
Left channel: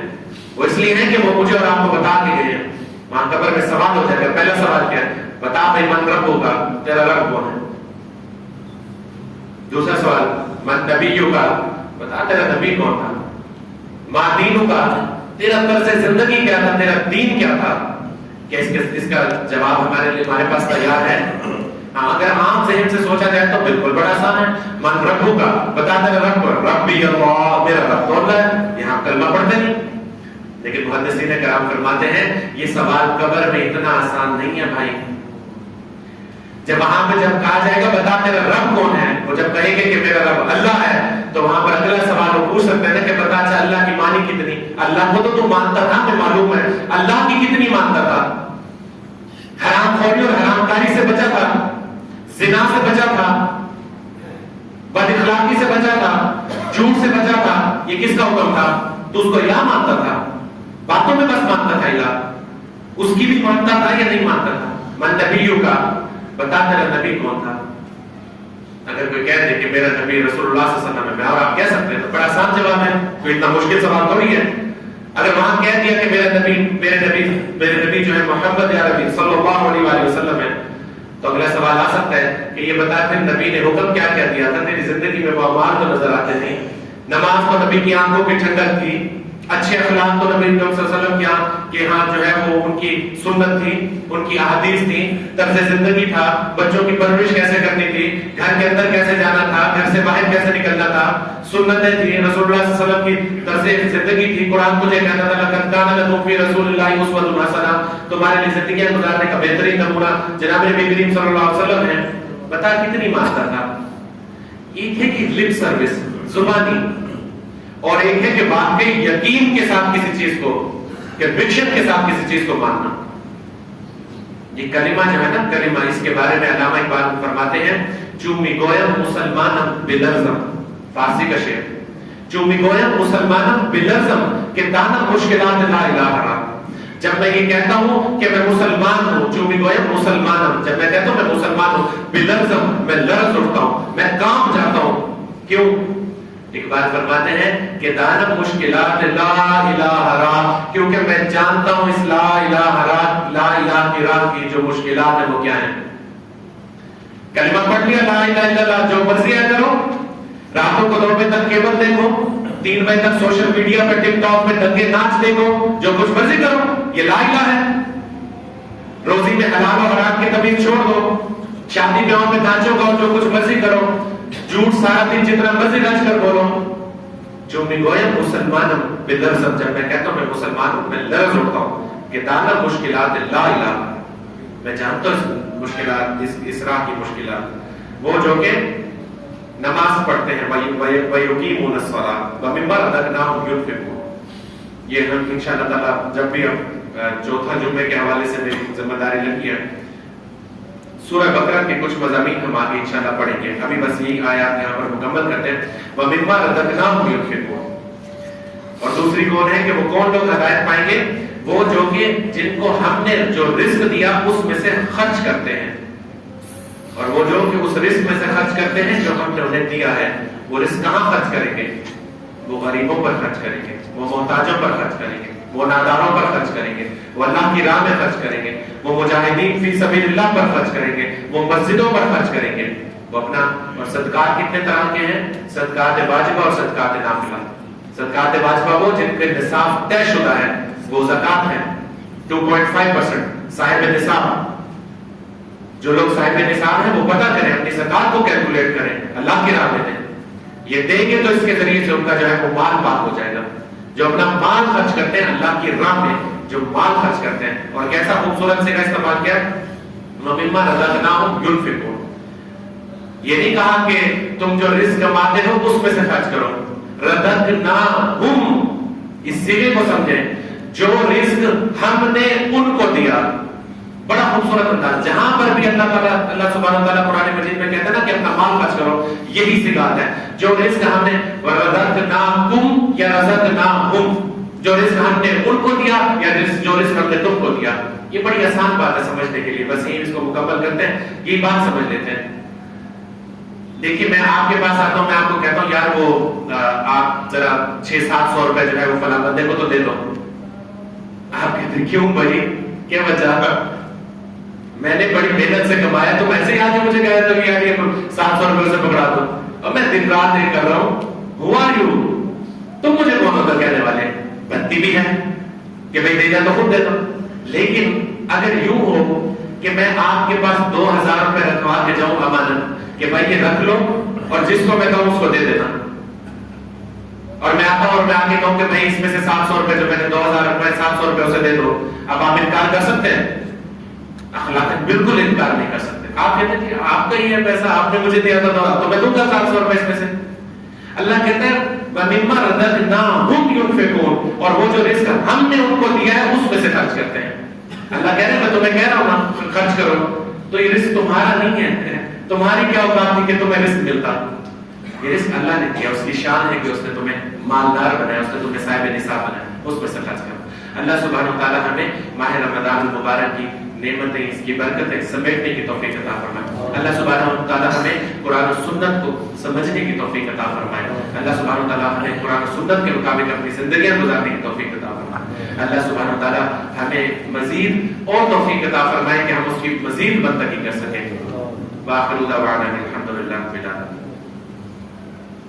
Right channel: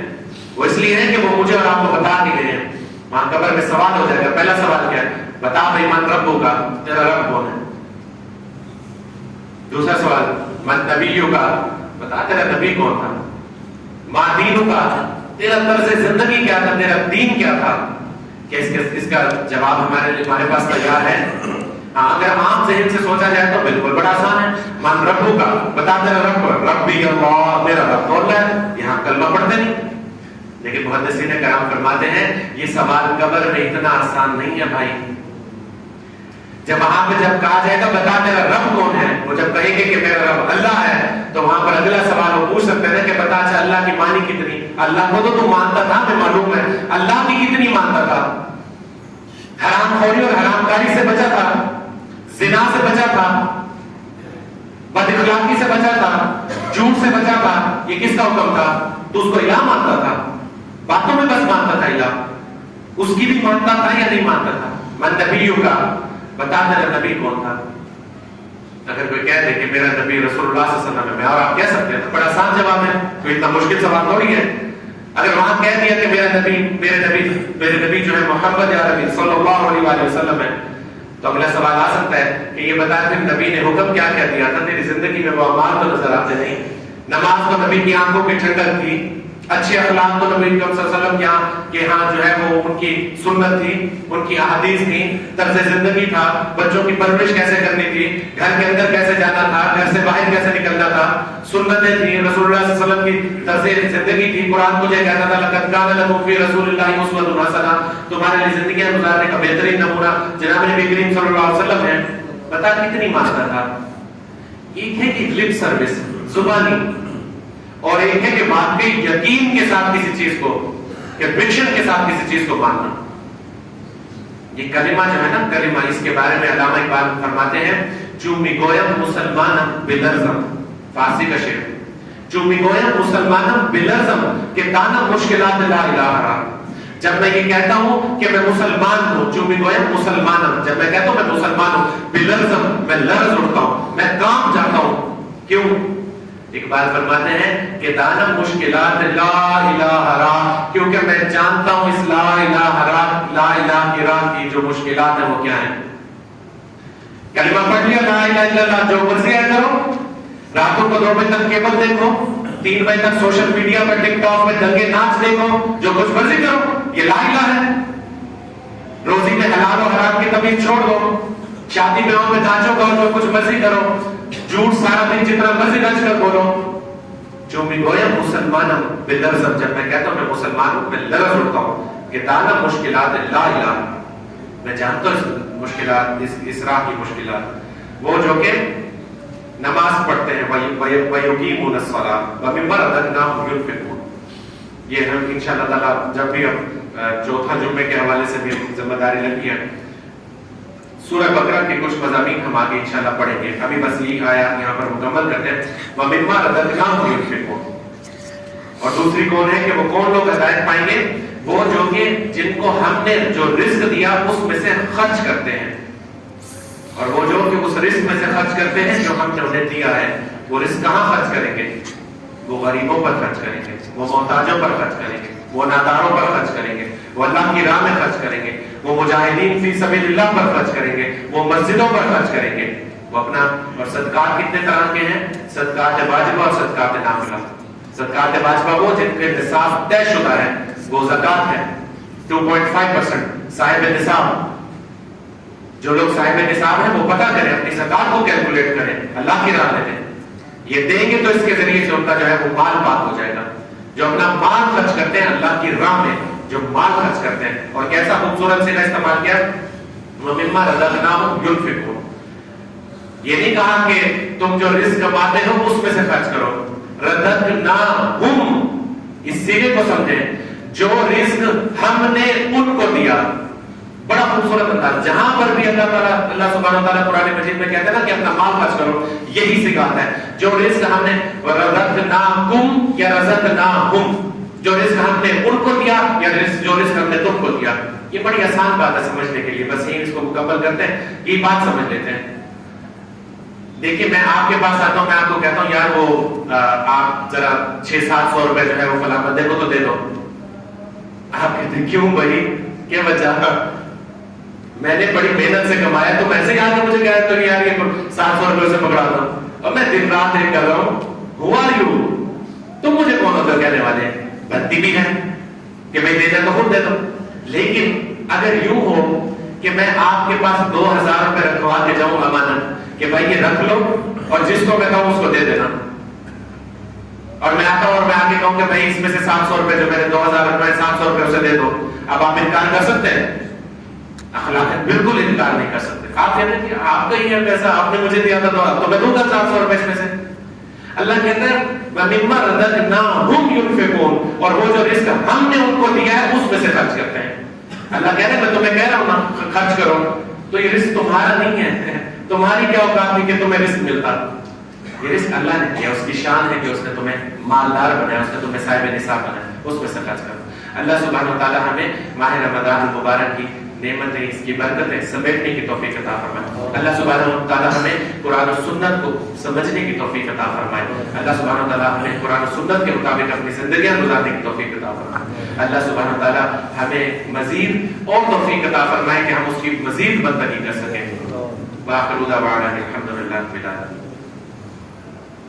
وہ اس لیے ہے کہ وہ مجھے اور آپ کو بتا کے گئے ہیں. وہاں قبر میں سوال ہو جائے گا. پہلا سوال کیا ہے؟ بتا بھائی من رب ہوگا، تیرا رب کون ہے؟ دوسرا سوال من نبیوں کا، بتا تیرا نبی کون تھا؟ ما دینوں کا، تیرا طرز زندگی کیا تھا، تیرا دین کیا تھا؟ کہ اس کا جواب ہمارے پاس تیار ہے. اگر عام ذہن سے سوچا جائے تو بالکل بڑا آسان ہے. من ربوں کا، بتا تیرا رب کون؟ رب بھی اللہ، میرا رب کون ہے؟ یہاں کلمہ پڑھتے نہیں. لیکن محدثین کرام فرماتے ہیں یہ سوال قبر میں اتنا آسان نہیں ہے بھائی. جب وہاں پہ جب کہا جائے گا بتا تیرا رب کون ہے, وہ جب کہے گے کہ میرا رب اللہ ہے, تو وہاں پر اگلا سوال وہ پوچھ سکتے ہیں کہ بتا اچھا اللہ کی مانی کتنی, اللہ کو تو مانتا تھا, میں معلوم ہے, اللہ کی کتنی مانتا تھا, حرام خوری اور حرام کاری سے بچا تھا, زنا سے بچا تھا, بد اخلاقی سے بچا تھا, جھوٹ سے بچا تھا, یہ کس کا حکم تھا؟ تو اس کو الہ مانتا تھا, باتوں میں بس مانتا تھا الہ, اس کی بھی مانتا تھا یا نہیں مانتا تھا؟ من نبیوں کا بتا میرا نبی کون تھا؟ اگر کوئی کہہ دے کہ میرا نبی رسول اللہ صلی اللہ علیہ وسلم ہے, اور آپ کہہ سکتے ہیں تو بڑا آسان جواب ہے, کوئی اتنا مشکل سوال تھوڑی ہے. اگر وہاں کہہ دیا کہ میرے نبی جو ہے محمد یا نبی صلی اللہ علیہ وسلم ہے, تو اگلا سوال آ سکتا ہے کہ یہ بتا پھر نبی نے حکم کیا کیا دیا تھا؟ تیری زندگی میں وہ اعمال تو نظر آتے نہیں, نماز تو نبی کی آنکھوں کی ٹھنڈک تھی, اچھے اخلاق تو نبی صلی اللہ علیہ وسلم کے ہاں جو ہے وہ ان کی سنت تھی, ان کی احادیث تھی, طرز زندگی تھا, بچوں کی پرورش کیسے کرنی تھی, گھر کے اندر کیسے جانا تھا, گھر سے باہر کیسے نکلنا تھا, سنتیں تھی, رسول اللہ صلی اللہ علیہ وسلم کی طرز زندگی تھی. قرآن مجھے کہتا تھا لقد کان لکم فی رسول اللہ اسوۃ حسنہ, تمہارے لیے زندگیاں گزارنے کا بہترین نمونہ جناب نبی کریم صلی اللہ علیہ وسلم ہے. بتا کتنی مانتا تھا؟ ایک ہے کہ لپ سروس زبانی, اور ایک ہے کہ واقعی یقین کے ساتھ کسی چیز کو, کنوکشن کے ساتھ کسی چیز کو ماننا. یہ کلمہ جو ہے نا کلمہ, اس کے بارے میں علامہ اقبال فرماتے ہیں چومی گویم مسلمانم بلرزم, فارسی کا شعر, چومی گویم مسلمانم بلرزم کہ دانا مشکلات لا الہ الا. جب میں یہ کہتا ہوں کہ میں مسلمان ہوں, چومی گویم مسلمانم, جب میں کہتا ہوں میں مسلمان ہوں, بلرزم میں لرز اٹھتا ہوں, میں کانپ جاتا ہوں. کیوں؟ اقبال فرماتے ہیں کہ دانا مشکلات لا الہ الا, کیونکہ میں جانتا ہوں اس لا الہ کی راہ کی جو مشکلات ہیں وہ کیا ہیں. کلمہ پڑھ لیا لا الہ الا اللہ, جو مرضی ہے کرو, راتوں کو 2 بجے تک کیبل دیکھو, 3 بجے تک سوشل میڈیا پہ ٹک ٹاک پہ دنگے ناچ دیکھو, جو کچھ مرضی کرو, یہ لا الہ ہے. روزی میں حلال اور حرام کی تمیز چھوڑ دو, شادی بیاہوں میں ناچو گاؤ, جو کچھ مرضی کرو, جھوٹ سارا دن جتنا مرضی رچ کر بولو. جو میں گویا مسلمان ہوں بلرزم, جب میں کہتا ہوں میں مسلمان ہوں, میں لرز اٹھتا ہوں کہ دانا مشکلات لا الہ, میں جانتا ہوں مشکلات, اس راہ کی مشکلات, وہ جو کہ نماز پڑھتے ہیں وَيُقِيمُونَ الصَّلَاةَ وَمِمَّا رَزَقْنَاهُمْ يُنْفِقُونَ. یہ ہم انشاءاللہ تعالیٰ جب بھی چوتھا جمعے کے حوالے سے میری ذمہ داری لگی ہے, سورہ بقرہ کے کچھ مضامین ہم آگے انشاءاللہ پڑھیں گے. ابھی بس یہی آیات یہاں پر مکمل کرتے ہیں. وَمِمَّا رَزَقْنَاهُمْ يُنْفِقُونَ. اور دوسری کون ہے کہ وہ کون لوگ ہدایت پائیں گے؟ وہ جو کہ جن کو ہم نے جو رزق دیا اس میں سے خرچ کرتے ہیں, اور وہ جو کہ اس رزق میں سے خرچ کرتے ہیں جو ہم نے انہیں دیا ہے. وہ رزق کہاں خرچ کریں گے؟ وہ غریبوں پر خرچ کریں گے, وہ محتاجوں پر خرچ کریں گے, وہ ناداروں پر خرچ کریں گے, وہ اللہ کی راہ میں خرچ کریں گے, وہ مجاہدین فی سبیل اللہ پر خرچ کریں گے, وہ مسجدوں پر خرچ کریں گے. وہ اپنا, اور صدقات کتنے طرح کے ہیں؟ صدقات واجبہ اور صدقات نافلہ. صدقات واجبہ وہ جن کے نصاب طے شدہ ہے, وہ زکات ہے 2.5%. صاحب نصاب, جو لوگ صاحب نصاب ہیں وہ پتہ کریں, اپنی زکات کو کیلکولیٹ کریں, اللہ کی راہ میں دیں. یہ دیں گے تو اس کے ذریعے سے ان کا جو ہے وہ مال پاک ہو جائے گا. جو اپنا مال خرچ کرتے ہیں اللہ کی راہ میں, جو مال خرچ کرتے ہیں, اور کیسا خوبصورت سے استعمال کیا, وَمِمَّا رَزَقْنَاهُمْ يُنْفِقُونَ. یہ نہیں کہا کہ تم جو رزق کماتے ہو اس میں سے خرچ کرو. رَزَقْنَاهُمْ, اس صیغے کو سمجھیں, جو رزق ہم نے ان کو دیا. بڑا خوبصورت انداز. جہاں پر بھی اللہ سبحانہ و تعالیٰ قرآن مجید میں کہتے ہیں نا کہ اپنا مال خرچ کرو, یہی سکھاتا ہے. جو رزق ہم نے رزقناکم یا رزقناہم, جو رزق ہم نے ان کو دیا یا جو رزق ہم نے تم کو دیا. یہ بڑی آسان بات ہے سمجھنے کے لیے, بس یہ اس کو مکمل کرتے ہیں, یہ بات سمجھ لیتے ہیں. دیکھیے میں آپ کے پاس آتا ہوں, میں آپ کو کہتا ہوں یار وہ آپ ذرا 600-700 روپے جو ہے وہ فلاں بندے کو تو دے دو. آپ کہتے ہیں کیوں بھائی, کیا وجہ؟ میں نے بڑی محنت سے کمایا, تم ایسے ہی آگے مجھے کہہ رہے ہو یار یہ 700 روپے سے پکڑا دو, اور میں دن رات ایک کر رہا ہوں. Who are you? تم مجھے کون ہوگا کہنے والے؟ بنتی بھی ہے کہ بھائی دینا تو خود دے دو. لیکن اگر یوں ہو کہ میں آپ کے پاس 2000 روپے رکھوا کے جاؤں امانت کہ بھائی یہ رکھ لو اور جس کو میں کہوں اس کو دے دینا, اور میں آتا ہوں اور میں آگے کہوں کہ بھائی اس میں سے 700 روپے جو میں نے 2000 روپے 700 روپے اسے دے دو، اب آپ انکار کر سکتے ہیں؟ اخلاق بالکل انکار نہیں کر سکتے. آپ کہتے ہیں کہ آپ کا ہی ہے پیسہ، آپ نے مجھے دیا تھا تو میں دوں گا 700 روپے اس میں سے. اللہ کہتے ہیں وَمِمَّا رَزَقْنَاهُمْ يُنْفِقُونَ، اور وہ جو رزق ہم نے ان کو دیا ہے اس میں سے خرچ کرتے ہیں. اللہ کہہ رہے ہیں میں تمہیں کہہ رہا ہوں نا خرچ کرو، تو یہ رزق تمہارا نہیں ہے، تمہاری کیا اوقات تھی کہ تمہیں رزق ملتا؟ یہ رزق اللہ نے دیا، اس کی شان ہے کہ اس نے تمہیں مالدار بنایا، اس نے تمہیں صاحب نصاب بنایا، اس میں سے خرچ کرو. اللہ سبحانہ و تعالی ہمیں ماہ رمضان المبارک کی نعمتیں، اس کی برکتیں سمیٹنے کی توفیق عطا فرمائے. اللہ سبحانہ و تعالی ہمیں قرآن و سنت کو سمجھنے کی توفیق عطا فرمائے. اللہ سبحانہ و تعالی ہمیں قرآن و سنت کے مطابق اپنی زندگیاں گزارنے کی توفیق عطا فرمائے. اللہ سبحانہ و تعالی ہمیں مزید اور توفیق عطا فرمائے کہ ہم اس کی مزید بندگی کر سکیں. وآخر دعوانا الحمدللہ.